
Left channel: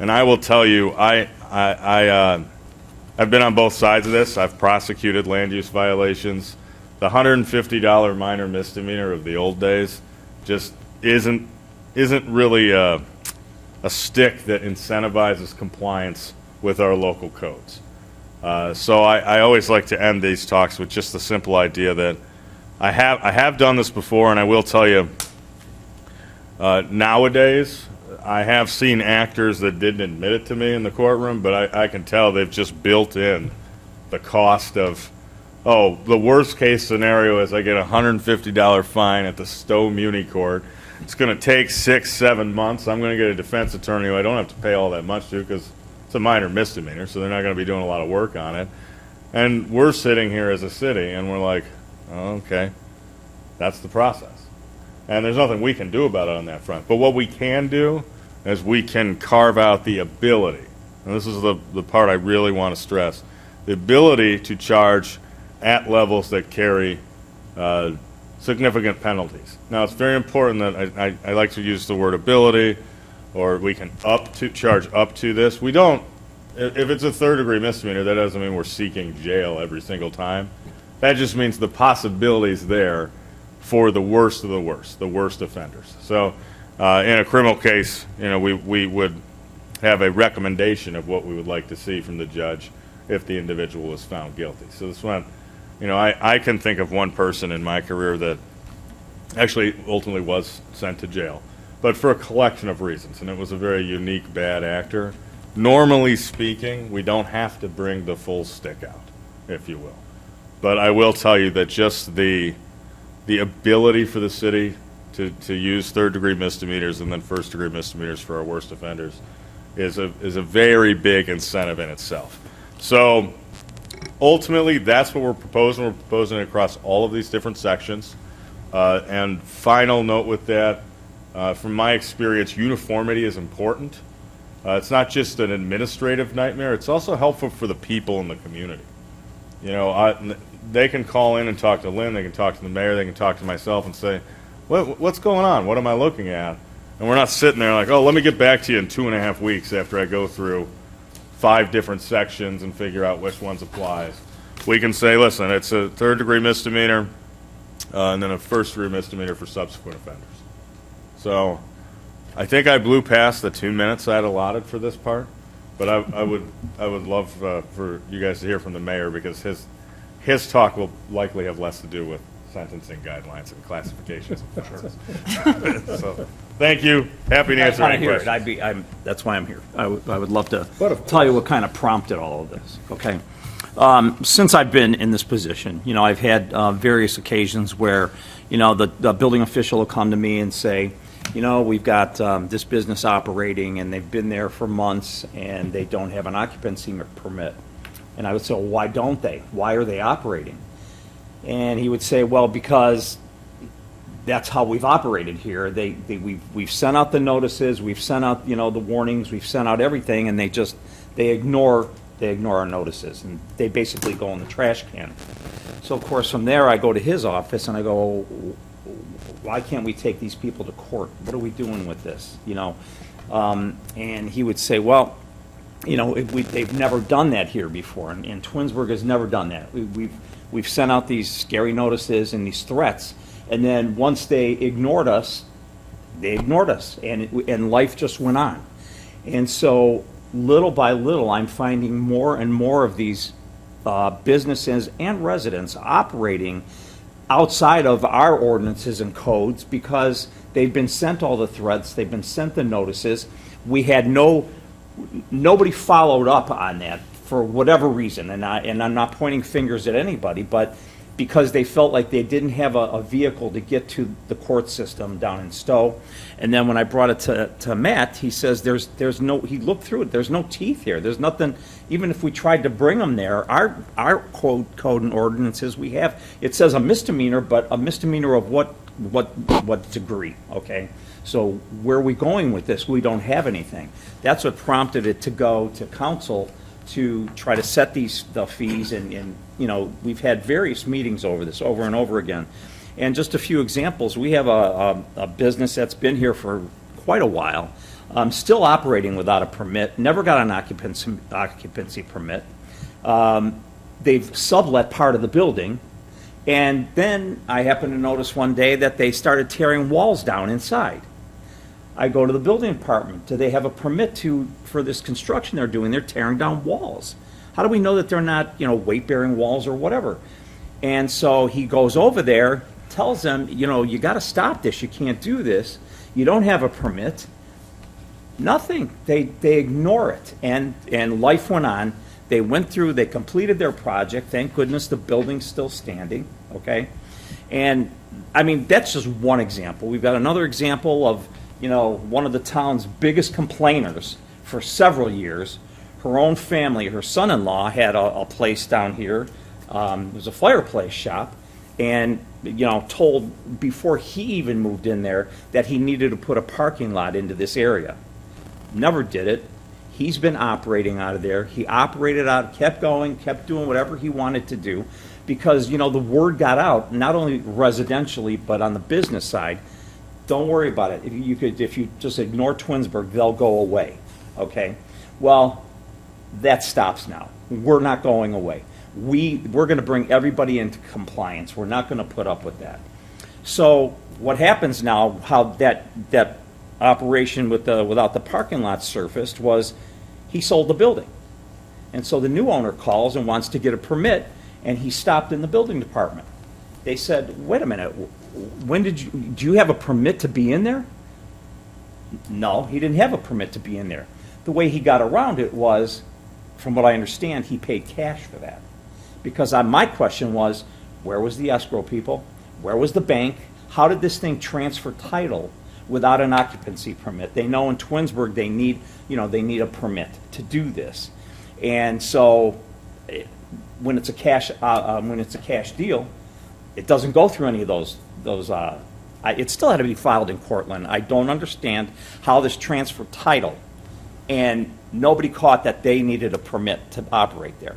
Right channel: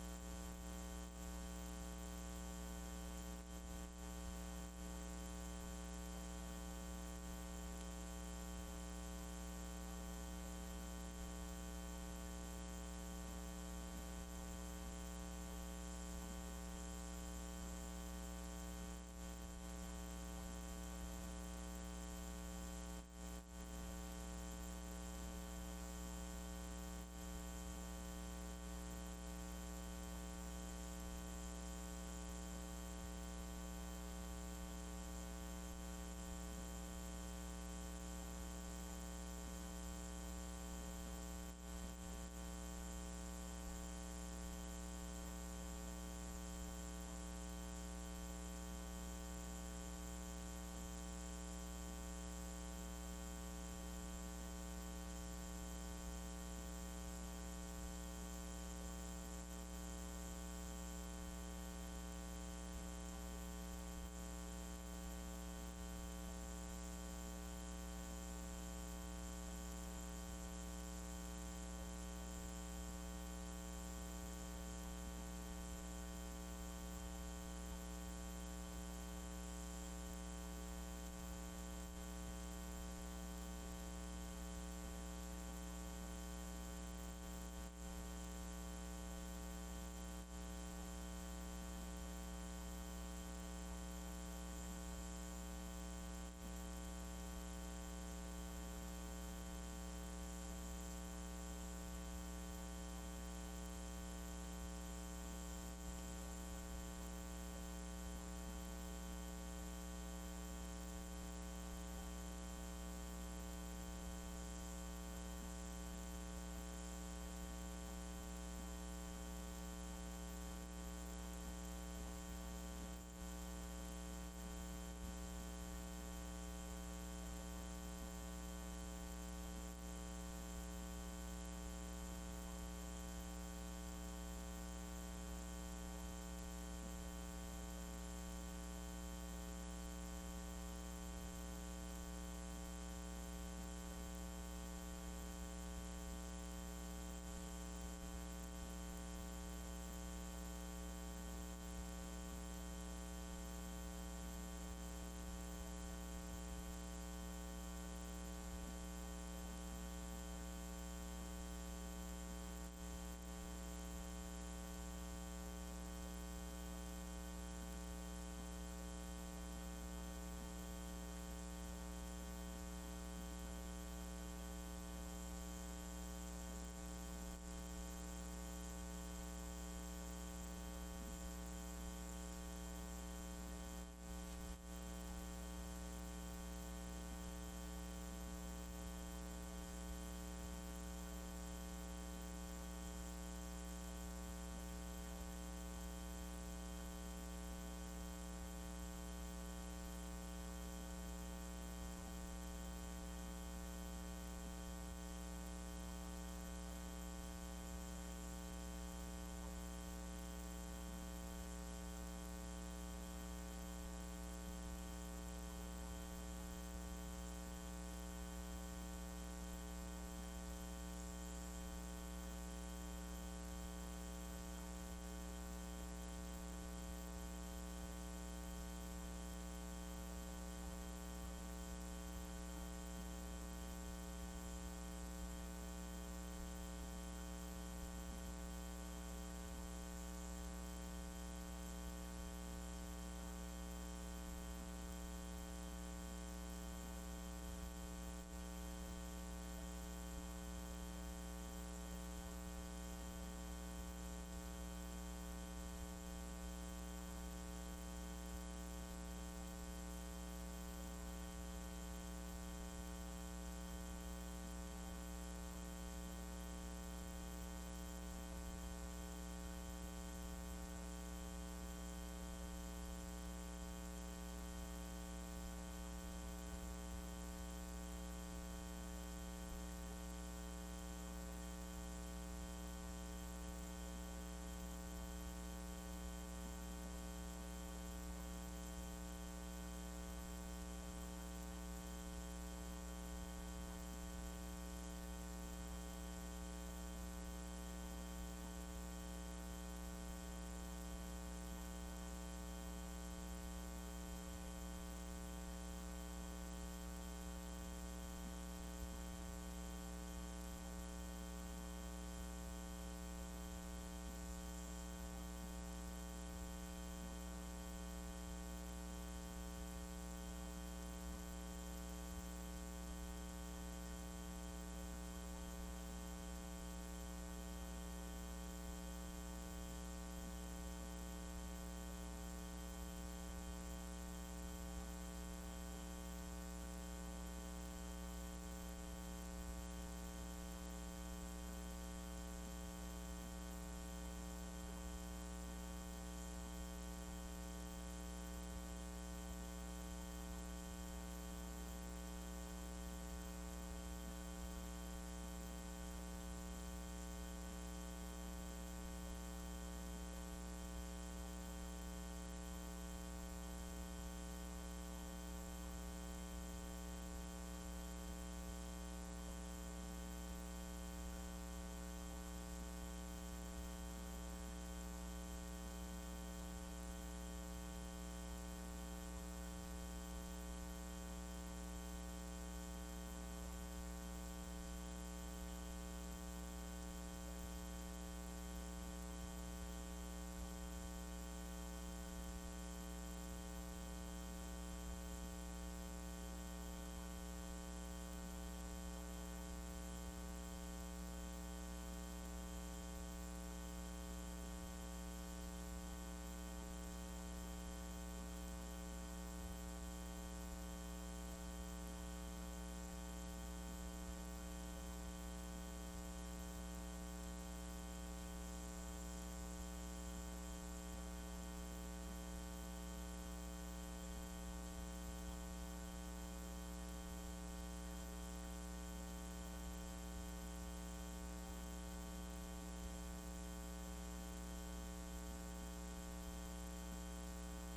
and I will tell you, I've been on both sides of this. I've prosecuted land use violations. The $150 minor misdemeanor of the old days just isn't really a stick that incentivizes compliance with our local codes. So I always like to end these talks with just the simple idea that I have done this before, and I will tell you, nowadays, I have seen actors that didn't admit it to me in the courtroom, but I can tell they've just built in the cost of, the worst case scenario is I get a $150 fine at the Stowe Muni Court. It's going to take 6-7 months. I'm going to get a defense attorney who I don't have to pay all that much to because it's a minor misdemeanor, so they're not going to be doing a lot of work on it. And we're sitting here as a city, and we're like, oh, okay, that's the process. And there's nothing we can do about it on that front. But what we can do is we can carve out the ability, and this is the part I really want to stress, the ability to charge at levels that carry significant penalties. Now, it's very important that I like to use the word ability, or we can charge up to this. We don't, if it's a third-degree misdemeanor, that doesn't mean we're seeking jail every single time. That just means the possibility's there for the worst of the worst offenders. So in a criminal case, we would have a recommendation of what we would like to see from the judge if the individual is found guilty. So this one, I can think of one person in my career that actually ultimately was sent to jail, but for a collection of reasons, and it was a very unique bad actor. Normally speaking, we don't have to bring the full stick out, if you will. But I will tell you that just the ability for the city to use third-degree misdemeanors and then first-degree misdemeanors for our worst offenders is a very big incentive in itself. So ultimately, that's what we're proposing. We're proposing it across all of these different sections. And final note with that, from my experience, uniformity is important. It's not just an administrative nightmare, it's also helpful for the people in the community. They can call in and talk to Lynn, they can talk to the mayor, they can talk to myself and say, what's going on? What am I looking at? And we're not sitting there like, oh, let me get back to you in 2.5 weeks after I go through 5 different sections and figure out which ones applies. We can say, listen, it's a third-degree misdemeanor, and then a first-degree misdemeanor for subsequent offenders. So I think I blew past the 2 minutes I had allotted for this part, but I would love for you guys to hear from the mayor, because his talk will likely have less to do with sentencing guidelines and classifications of offenders. So thank you. Happy to answer any questions. That's why I'm here. I would love to tell you what kind of prompted all of this, okay? Since I've been in this position, I've had various occasions where, the building official will come to me and say, we've got this business operating, and they've been there for months, and they don't have an occupancy permit. And I would say, well, why don't they? Why are they operating? And he would say, well, because that's how we've operated here. We've sent out the notices, we've sent out, the warnings, we've sent out everything, and they ignore our notices, and they basically go in the trash can. So of course, from there, I go to his office and I go, why can't we take these people to court? What are we doing with this? And he would say, well, they've never done that here before, and Twinsburg has never done that. We've sent out these scary notices and these threats, and then once they ignored us, and life just went on. And so little by little, I'm finding more and more of these businesses and residents operating outside of our ordinances and codes, because they've been sent all the threats, they've been sent the notices. We had nobody followed up on that for whatever reason, and I'm not pointing fingers at anybody, but because they felt like they didn't have a vehicle to get to the court system down in Stowe. And then when I brought it to Matt, he says there's no, he looked through it, there's no teeth here, there's nothing. Even if we tried to bring them there, our code and ordinances we have, it says a misdemeanor, but a misdemeanor of what degree, okay? So where are we going with this? We don't have anything. That's what prompted it to go to council to try to set the fees, and we've had various meetings over this over and over again. And just a few examples, we have a business that's been here for quite a while, still operating without a permit, never got an occupancy permit. They've sublet part of the building, and then I happened to notice one day that they started tearing walls down inside. I go to the building department. Do they have a permit for this construction they're doing? They're tearing down walls. How do we know that they're not, weight-bearing walls or whatever? And so he goes over there, tells them, you got to stop this. You can't do this. You don't have a permit. Nothing. They ignore it. And life went on. They went through, they completed their project. Thank goodness the building's still standing, okay? And, I mean, that's just one example. We've got another example of, one of the town's biggest complainers for several years. Her own family, her son-in-law had a place down here. It was a fireplace shop, and, told before he even moved in there that he needed to put a parking lot into this area. Never did it. He's been operating out of there. He operated out, kept going, kept doing whatever he wanted to do, because, the word got out, not only residentially, but on the business side. Don't worry about it. If you just ignore Twinsburg, they'll go away, okay? Well, that stops now. We're not going away. We're going to bring everybody into compliance. We're not going to put up with that. So what happens now, how that operation without the parking lot surfaced was he sold the building. And so the new owner calls and wants to get a permit, and he stopped in the building department. They said, wait a minute, do you have a permit to be in there? No, he didn't have a permit to be in there. The way he got around it was, from what I understand, he paid cash for that. Because my question was, where was the escrow people? Where was the bank? How did this thing transfer title without an occupancy permit? They know in Twinsburg they need a permit to do this. And so when it's a cash deal, it doesn't go through any of those. It still had to be filed in Cortland. I don't understand how this transfer title, and nobody caught that they needed a permit to operate there.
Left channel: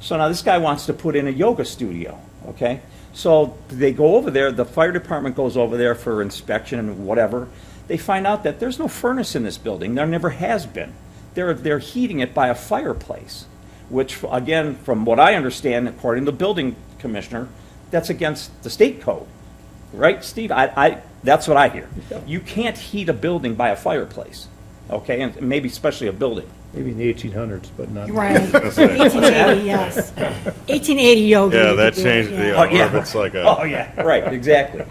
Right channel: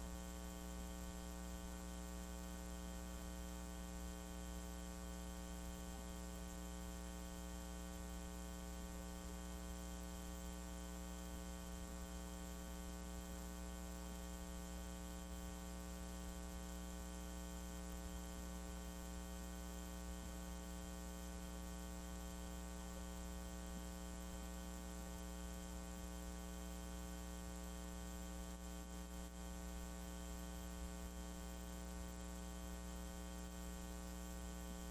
So now this guy wants to put in a yoga studio, okay? So they go over there, the fire department goes over there for inspection and whatever. They find out that there's no furnace in this building. There never has been. They're heating it by a fireplace, which, again, from what I understand, according to the building commissioner, that's against the state code. Right, Steve? That's what I hear. You can't heat a building by a fireplace, okay? And maybe especially a building. Maybe in the 1800s, but not. Right. 1880, yes. 1880 yoga. Yeah, you that could do it, changed the yeah. orbits like a. Oh, yeah, right, exactly.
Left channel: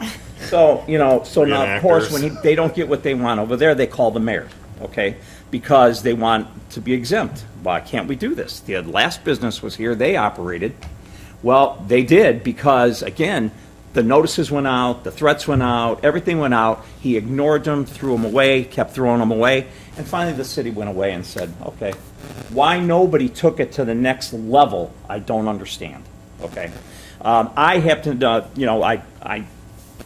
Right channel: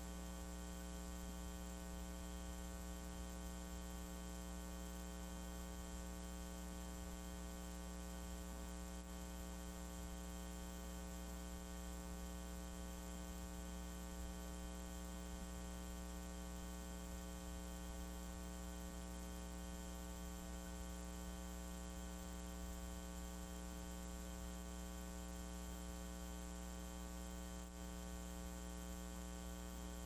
So, so now, of course, Reenactors. when they don't get what they want over there, they call the mayor, okay? Because they want to be exempt. Why can't we do this? The last business was here, they operated. Well, they did because, again, the notices went out, the threats went out, everything went out. He ignored them, threw them away, kept throwing them away. And finally, the city went away and said, okay, why nobody took it to the next level, I don't understand, okay? I happened to, I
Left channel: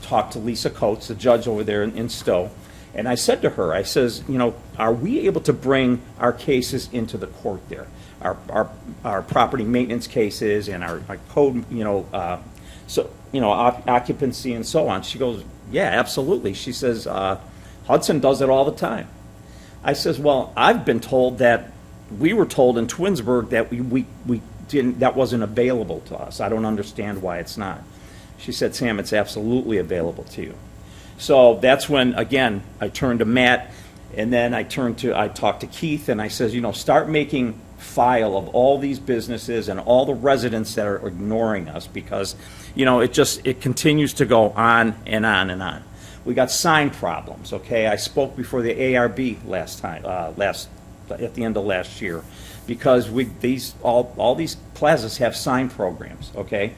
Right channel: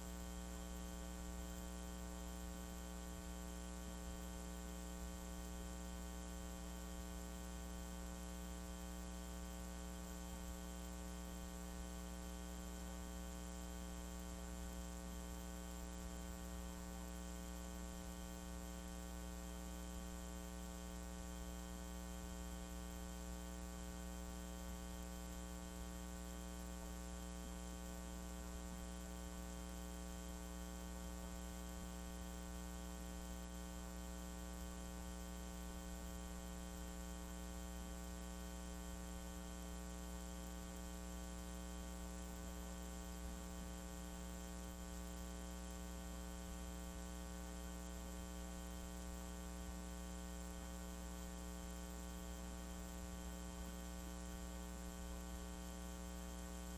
talked to Lisa Coates, the judge over there in Stowe, and I said to her, I says, are we able to bring our cases into the court there? Our property maintenance cases and our code, occupancy and so on. She goes, yeah, absolutely. She says, Hudson does it all the time. I says, well, I've been told that, we were told in Twinsburg that we didn't, that wasn't available to us. I don't understand why it's not. She said, Sam, it's absolutely available to you. So that's when, again, I turned to Matt, and then I talked to Keith, and I says, start making file of all these businesses and all the residents that are ignoring us, because, it continues to go on and on and on. We got sign problems, okay? I spoke before the ARB at the end of last year, because all these plazas have sign programs, okay?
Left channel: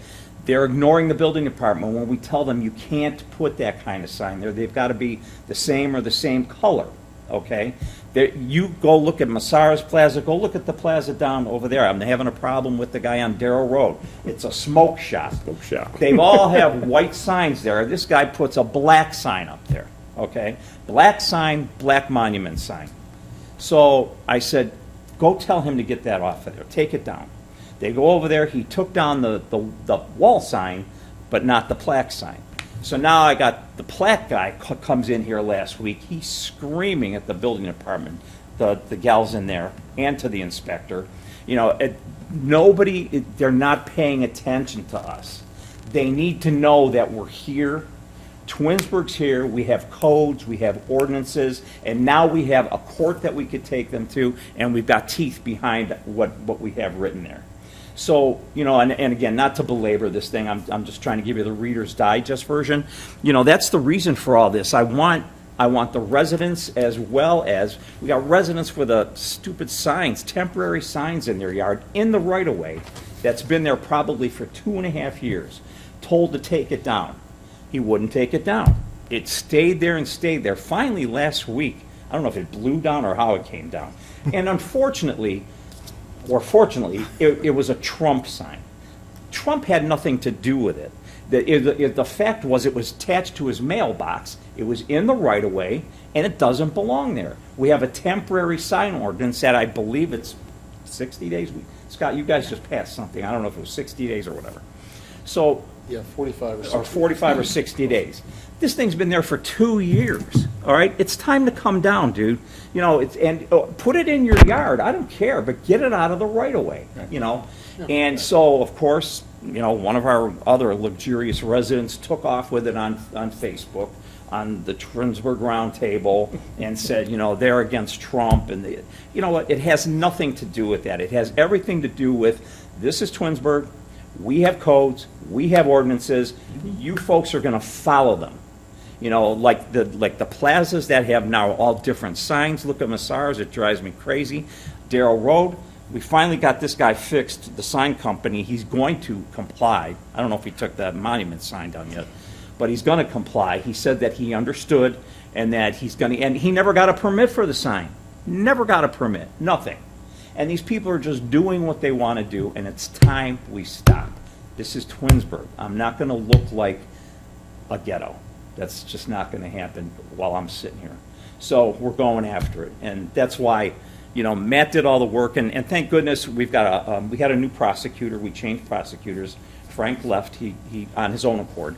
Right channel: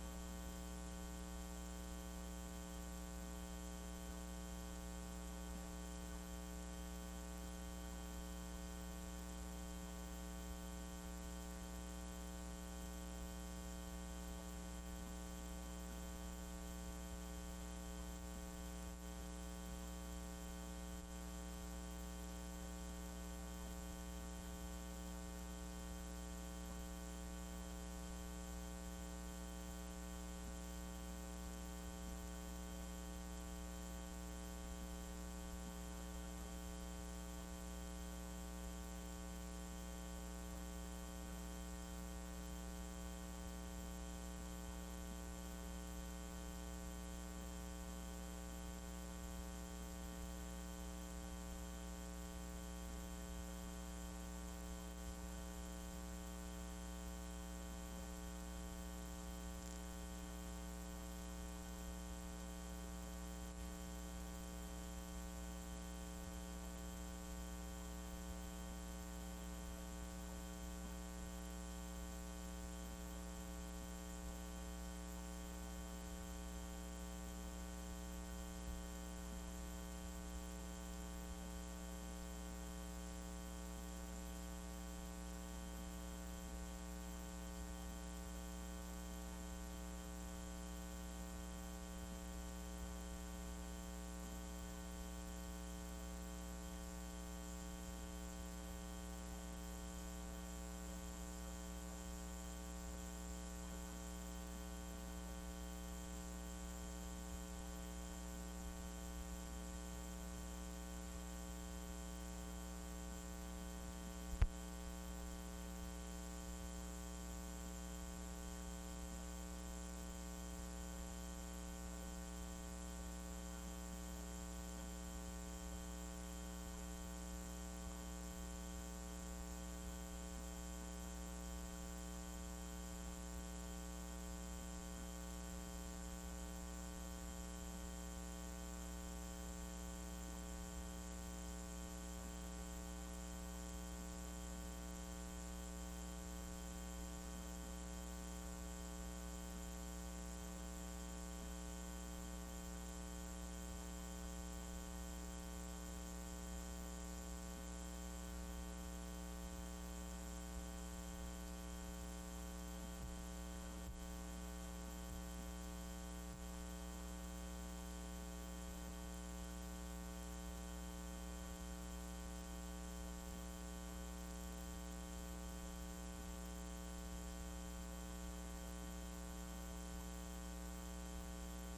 They're ignoring the building department when we tell them you can't put that kind of sign there. They've got to be the same or the same color, okay? You go look at Massara's Plaza, go look at the plaza down over there. I'm having a problem with the guy on Darrow Road. It's a smoke shop. Smoke shop. They all have white signs there. This guy puts a black sign up there, okay? Black sign, black monument sign. So I said, go tell him to get that off of there. Take it down. They go over there. He took down the wall sign, but not the plaque sign. So now I got the plaque guy comes in here last week. He's screaming at the building department, the gals in there, and to the inspector. They're not paying attention to us. They need to know that we're here. Twinsburg's here. We have codes, we have ordinances, and now we have a court that we could take them to, and we've got teeth behind what we have written there. So, and again, not to belabor this thing, I'm just trying to give you the Reader's Digest version. That's the reason for all this. I want the residents, as well as, we got residents with stupid signs, temporary signs in their yard, in the right-of-way, that's been there probably for 2.5 years, told to take it down. He wouldn't take it down. It stayed there and stayed there. Finally, last week, I don't know if it blew down or how it came down. And unfortunately, or fortunately, it was a Trump sign. Trump had nothing to do with it. The fact was it was attached to his mailbox, it was in the right-of-way, and it doesn't belong there. We have a temporary sign ordinance that I believe it's 60 days. Scott, you guys just passed something. I don't know if it was 60 days or whatever. So, Yeah, 45 or 60. or 45 or 60 days. This thing's been there for 2 years, all right? It's time to come down, dude. Put it in your yard, I don't care, but get it out of the right-of-way, And so, of course, you know, one of our other luxurious residents took off with it on Facebook, on the Twinsburg Roundtable, and said, you know, they're against Trump, and you know what, it has nothing to do with that. It has everything to do with, this is Twinsburg, we have codes, we have ordinances, you folks are gonna follow them. You know, like the plazas that have now all different signs, look at Massar's, it drives me crazy. Darrell Road, we finally got this guy fixed, the sign company, he's going to comply. I don't know if he took that monument sign down yet, but he's gonna comply. He said that he understood and that he's gonna, and he never got a permit for the sign. Never got a permit, nothing. And these people are just doing what they wanna do, and it's time we stop. This is Twinsburg. I'm not gonna look like a ghetto. That's just not gonna happen while I'm sitting here. So we're going after it, and that's why, you know, Matt did all the work, and thank goodness we've got we had a new prosecutor. We changed prosecutors. Frank left, he on his own accord.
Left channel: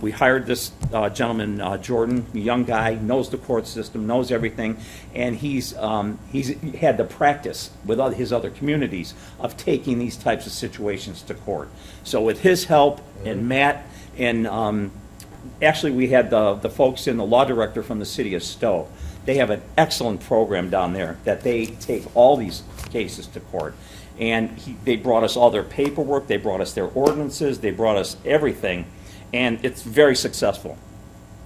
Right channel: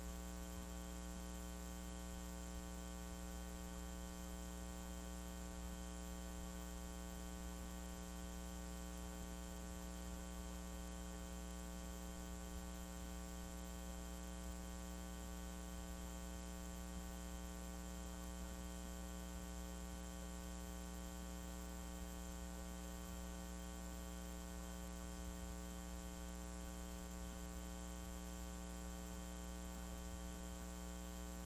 We hired this gentleman, Jordan, a young guy, knows the court system, knows everything, and he's had the practice with his other communities of taking these types of situations to court. So with his help and Matt, and actually we had the folks in the law director from the city of Stowe. They have an excellent program down there that they take all these cases to court. And they brought us all their paperwork, they brought us their ordinances, they brought us everything, and it's very successful.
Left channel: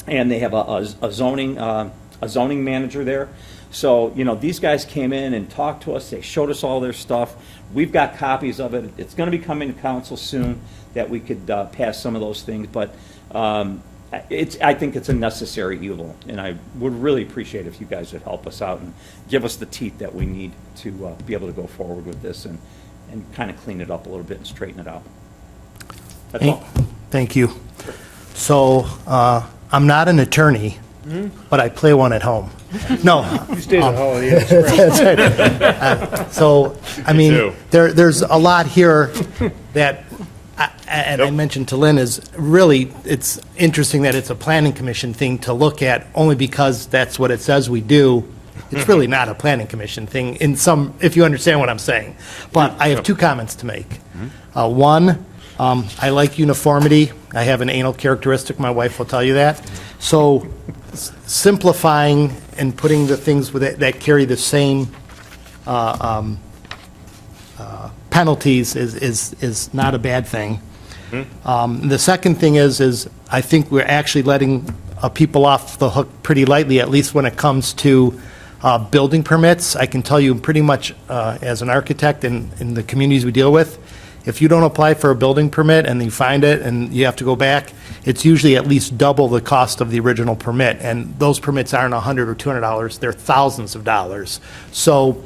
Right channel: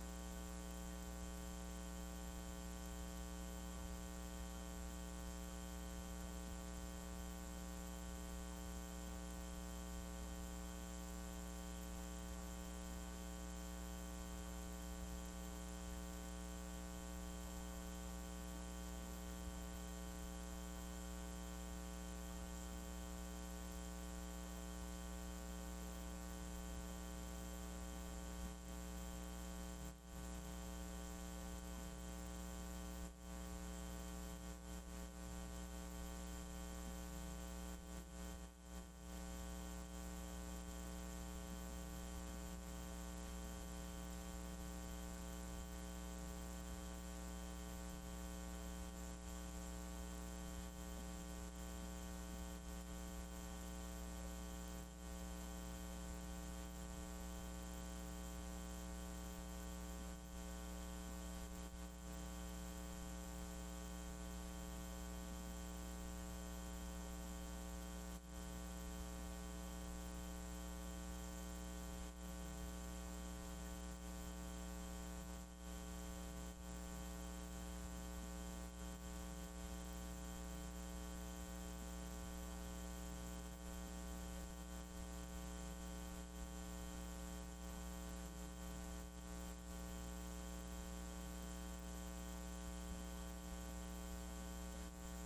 And they have a zoning manager there. So, you know, these guys came in and talked to us, they showed us all their stuff. We've got copies of it. It's gonna be coming to council soon that we could pass some of those things, but I think it's a necessary evil, and I would really appreciate if you guys would help us out and give us the teeth that we need to be able to go forward with this and kind of clean it up a little bit and straighten it out. That's all. Thank you. So, I'm not an attorney, but I play one at home. No. You stayed at Holiday Inn Express. That's right. So, I mean, too. there's a lot here that, and I mentioned to Lynn, is really, it's interesting that it's a planning commission thing to look at, only because that's what it says we do. It's really not a planning commission thing in some, if you understand what I'm saying. But I have two comments to make. One, I like uniformity. I have an anal characteristic, my wife will tell you that. So simplifying and putting the things with it that carry the same penalties is not a bad thing. The second thing is I think we're actually letting people off the hook pretty lightly, at least when it comes to building permits. I can tell you pretty much as an architect in the communities we deal with, if you don't apply for a building permit and you find it and you have to go back, it's usually at least double the cost of the original permit. And those permits aren't $100 or $200, they're thousands of dollars. So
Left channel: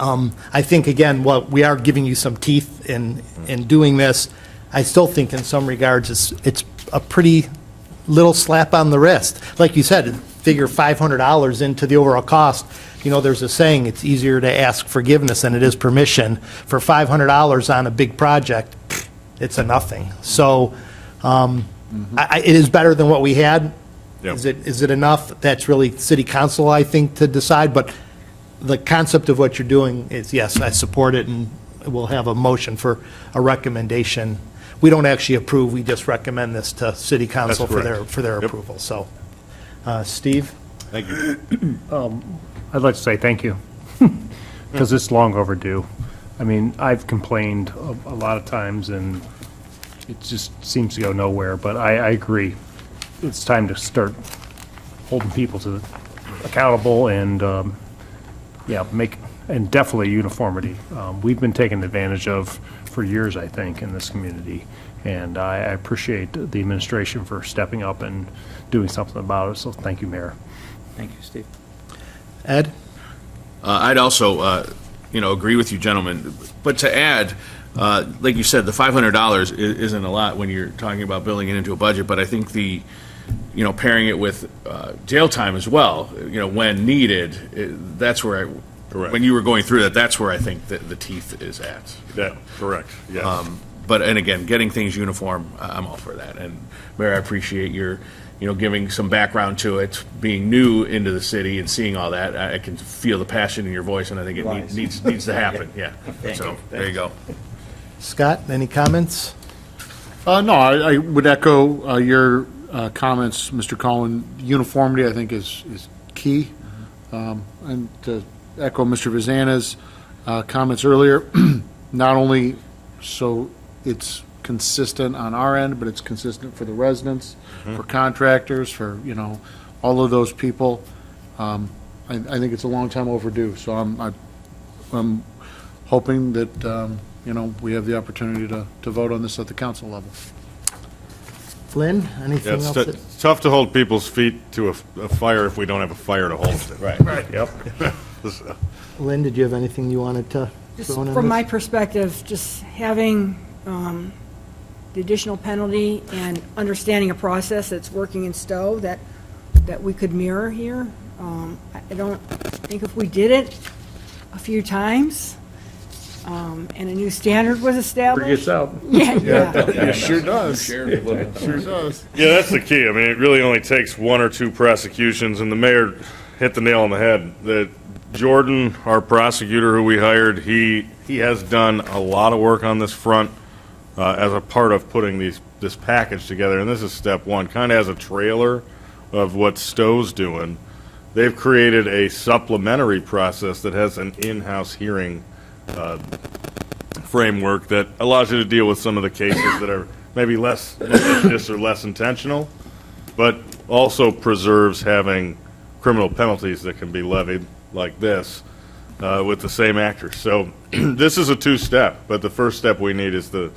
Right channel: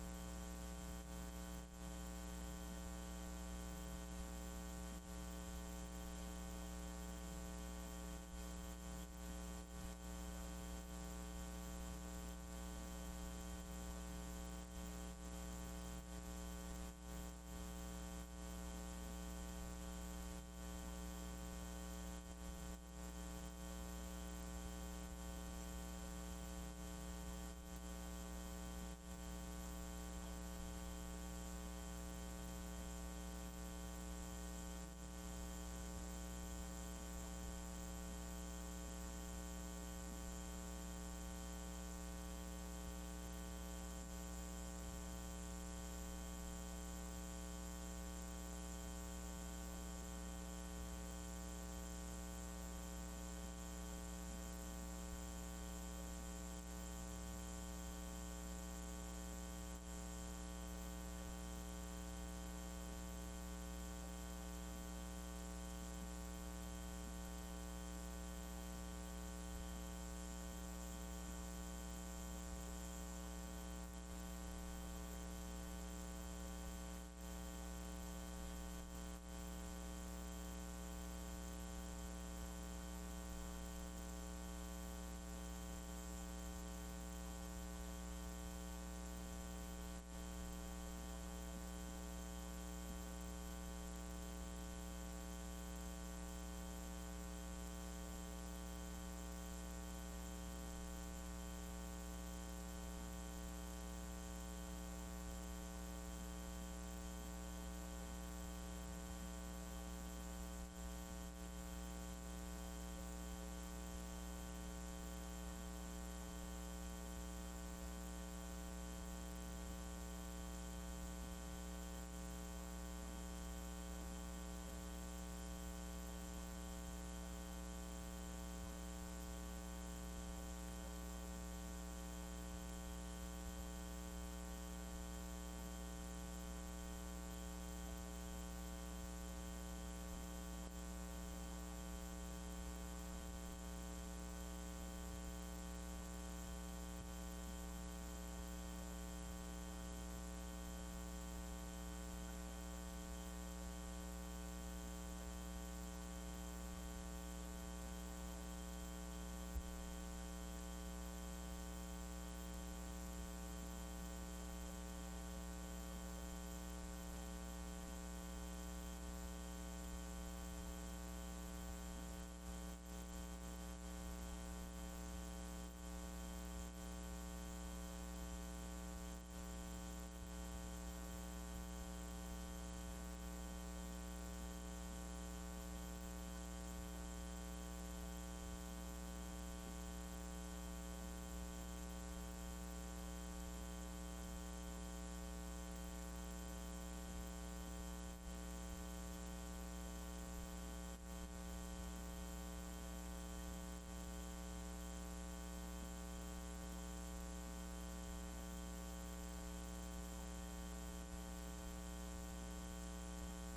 I think, again, we are giving you some teeth in doing this. I still think in some regards it's a pretty little slap on the wrist. Like you said, figure $500 into the overall cost. You know, there's a saying, it's easier to ask forgiveness than it is permission. For $500 on a big project, it's a nothing. So it is better than what we had. Yep. Is it enough? That's really city council, I think, to decide. But the concept of what you're doing is, yes, I support it, and we'll have a motion for a recommendation. We don't actually approve, we just recommend this to city council for correct. their Yep. approval. So, Steve? Thank you. I'd like to say thank you, because it's long overdue. I mean, I've complained a lot of times, and it just seems to go nowhere, but I agree. It's time to start holding people to accountable and, and definitely uniformity. We've been taken advantage of for years, I think, in this community, and I appreciate the administration for stepping up and doing something about it, so thank you, Mayor. Thank you, Steve. Ed? I'd also, agree with you, gentlemen. But to add, like you said, the $500 isn't a lot when you're talking about building it into a budget. But I think pairing it with jail time as well, when needed, that's where when you were going through that, that's where I think that the teeth is at. Correct, yes. And again, getting things uniform, I'm all for that. And Mayor, I appreciate your giving some background to it, being new into the city and seeing all that. I can feel the passion in your voice, and I think it needs to happen, yeah. Thank So, you. there you go. Scott, any comments? No, I would echo your comments, Mr. Cohen. Uniformity, I think, is key. And to echo Mr. Vazana's comments earlier, not only so it's consistent on our end, but it's consistent for the residents, for contractors, for, all of those people. I think it's a long time overdue, so I'm hoping that, we have the opportunity to vote on this at the council level. Lynn, Yeah, anything it's else? tou- that- it's tough to hold people's feet to a fire if we don't have a fire to hold it. Right. Yep. Lynn, did you have anything you wanted to Just throw in on from this? my perspective, just having the additional penalty and understanding a process that's working in Stowe that we could mirror here. I don't think if we did it a few times, and a new standard was established. Gets out. Yeah. It sure does. Sure does. Yeah, that's the key. I mean, it really only takes one or two prosecutions, and the mayor hit the nail on the head. That Jordan, our prosecutor who we hired, he has done a lot of work on this front as a part of putting this package together, and this is step one, kind of as a trailer of what Stowe's doing. They've created a supplementary process that has an in-house hearing framework that allows you to deal with some of the cases that are maybe less malicious or less intentional, but also preserves having criminal penalties that can be levied like this with the same actors. So this is a two-step, but the first step we need is the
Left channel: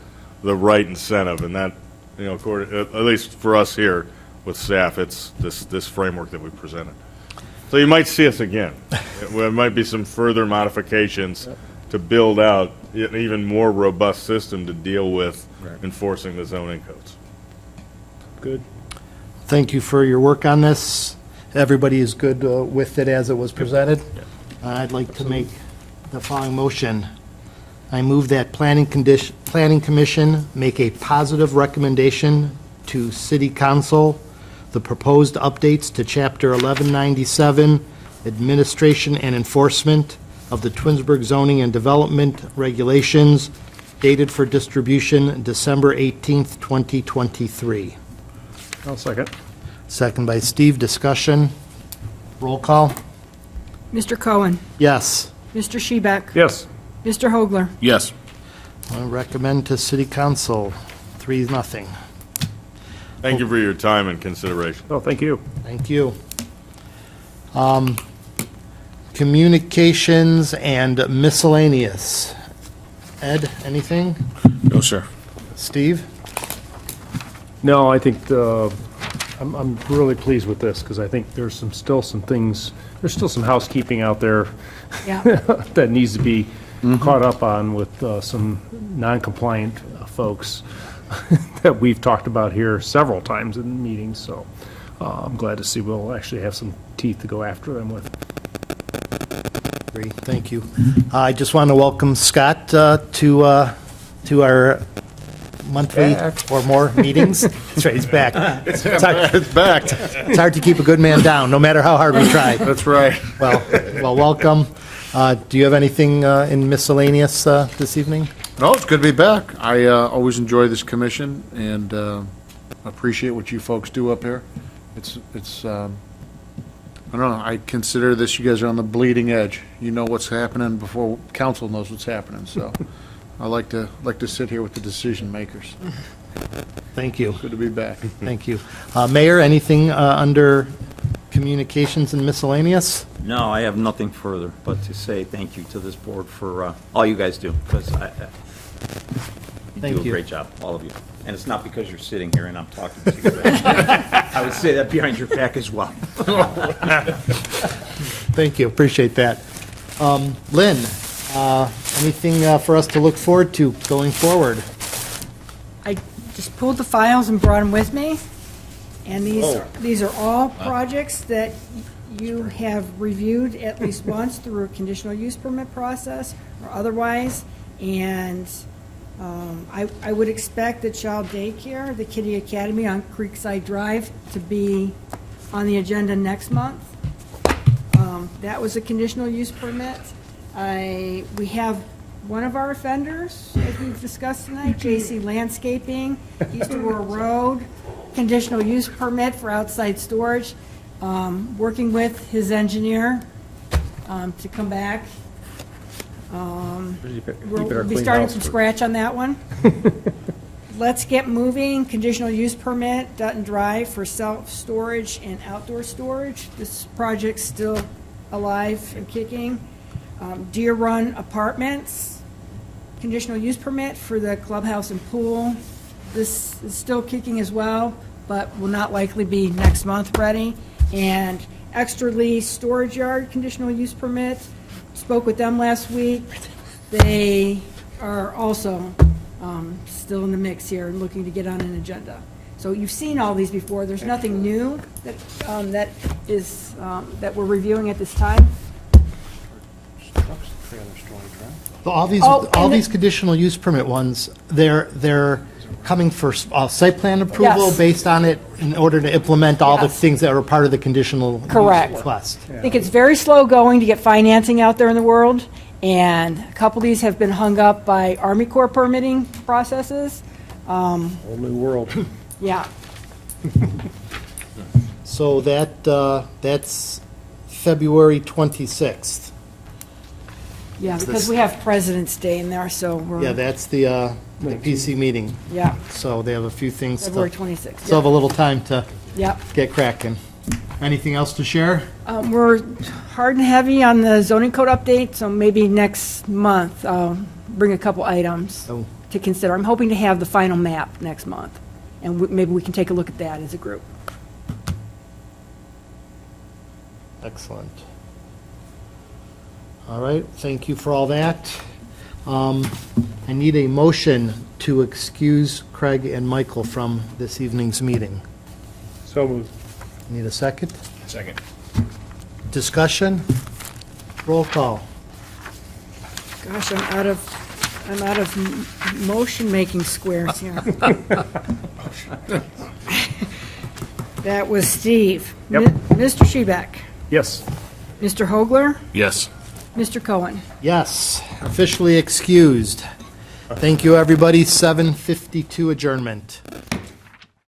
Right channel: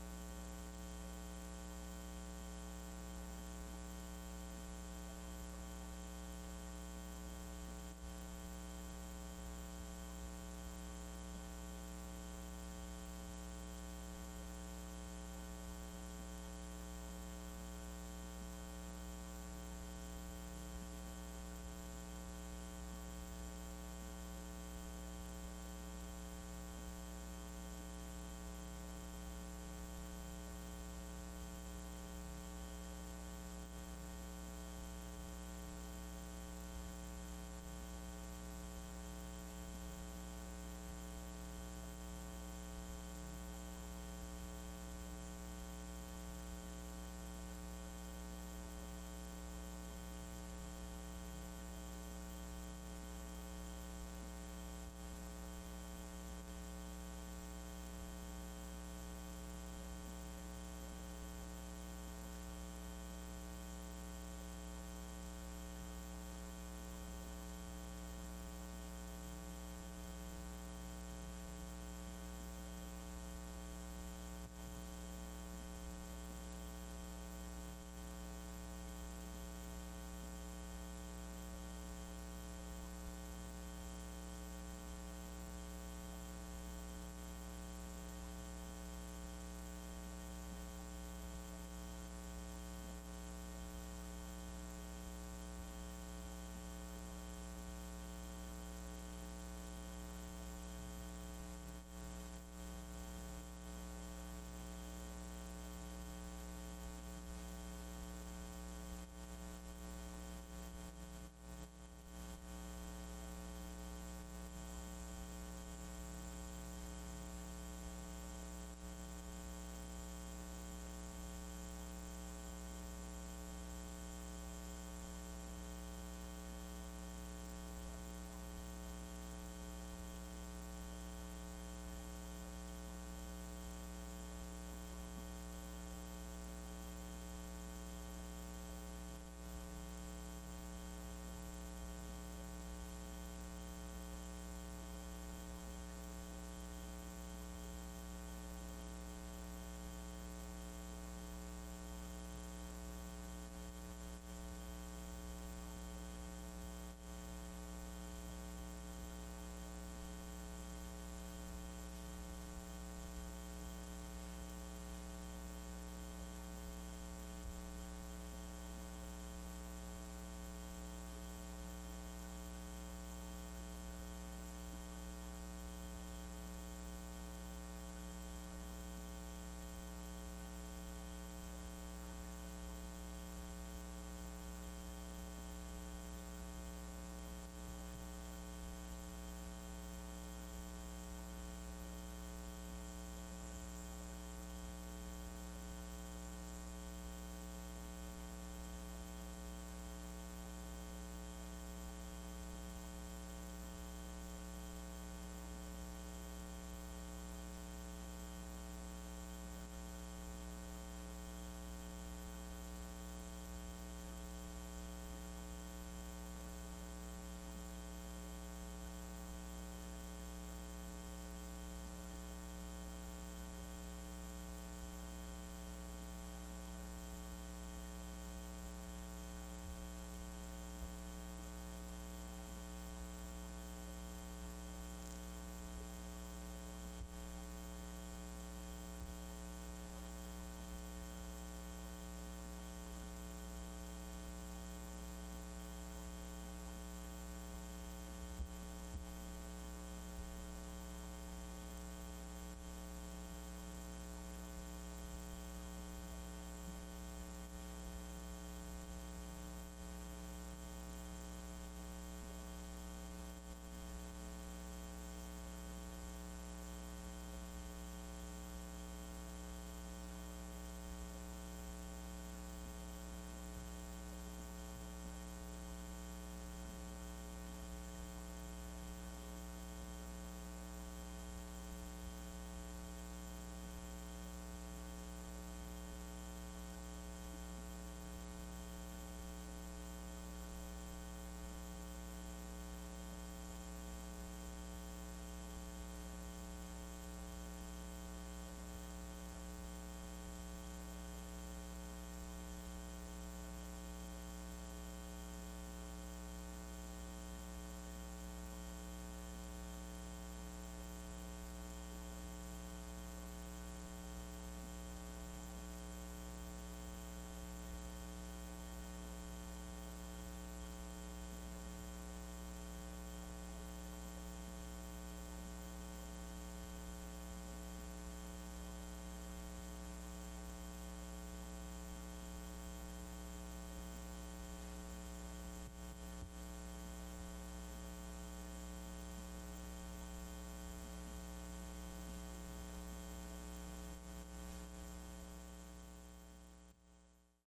right incentive, and that, at least for us here with staff, it's this framework that we presented. So you might see us again. There might be some further modifications to build out an even more robust system to deal with enforcing the zoning codes. Good. Thank you for your work on this. Everybody is good with it as it was presented. I'd like to make the following motion. I move that Planning Commission make a positive recommendation to City Council the proposed updates to Chapter 1197, Administration and Enforcement of the Twinsburg Zoning and Development Regulations, dated for distribution December 18th, 2023. I'll second. Second by Steve. Discussion. Roll call. Mr. Cohen, Yes. Mr. Shebeck, Yes. Mr. Hogler, Yes. I recommend to City Council, 3-0. Thank you for your time and consideration. Oh, thank you. Thank you. Communications and miscellaneous. Ed, anything? No, sir. Steve? No, I think I'm really pleased with this because I think there's still some things, there's still some housekeeping out there yeah. that needs to be caught up on with some non-compliant folks that we've talked about here several times in meetings, so I'm glad to see we'll actually have some teeth to go after them with. Great, thank you. I just want to welcome Scott to our monthly or more meetings. That's right, he's back. It's back. It's hard to keep a good man down, no matter how hard we try. That's right. Well, welcome. Do you have anything in miscellaneous this evening? No, it's good to be back. I always enjoy this commission and appreciate what you folks do up here. It's I don't know, I consider this, you guys are on the bleeding edge. You know what's happening before council knows what's happening, so I like to sit here with the decision makers. Thank you. Good to be back. Thank you. Mayor, anything under communications and miscellaneous? No, I have nothing further but to say thank you to this board for all you guys do, because you Thank do a you. great job, all of you. And it's not because you're sitting here and I'm talking to you. but I would say that behind your back as well. Thank you, appreciate that. Lynn, anything for us to look forward to going forward? I just pulled the files and brought them with me, and these are all projects that you have reviewed at least once through a conditional use permit process or otherwise, and I would expect the child daycare, the Kitty Academy on Creekside Drive, to be on the agenda next month. That was a conditional use permit. We have one of our offenders, as we've discussed tonight, JC Landscaping, East Aurora Road, conditional use permit for outside storage, working with his engineer to come back. We'll be starting from scratch on that one. Let's Get Moving, conditional use permit, Dutton Drive for self-storage and outdoor storage. This project's still alive and kicking. Deer Run Apartments, conditional use permit for the clubhouse and pool. This is still kicking as well, but will not likely be next month ready. And Extra Lee Storage Yard, conditional use permit. Spoke with them last week. They are also still in the mix here and looking to get on an agenda. So you've seen all these before. There's nothing new that we're reviewing at this time. Well, all Oh, and these conditional use permit ones, they're coming for site plan approval Yes. based on it in order to implement all the Yes. things that are part of the conditional use Correct. request. I think it's very slow going to get financing out there in the world, and a couple of these have been hung up by Army Corps permitting processes. Whole new world. Yeah, So that's February 26th. yeah, because we have President's Day in there, so we're. Yeah, that's the PC meeting. Yeah, So they have a few things to, February 26th. still have a little time to Yep. get cracking. Anything else to share? We're hard and heavy on the zoning code update, so maybe next month I'll bring a couple items Oh. to consider. I'm hoping to have the final map next month, and maybe we can take a look at that as a group. Excellent. All right, thank you for all that. I need a motion to excuse Craig and Michael from this evening's meeting. So moved. Need a second? Second. Discussion? Roll call. Gosh, I'm out of motion-making squares here. That was Steve. Yep. Mr. Shebeck, Yes. Mr. Hogler, Yes. Mr. Cohen. Yes, officially excused. Thank you, everybody. 7:52 adjournment.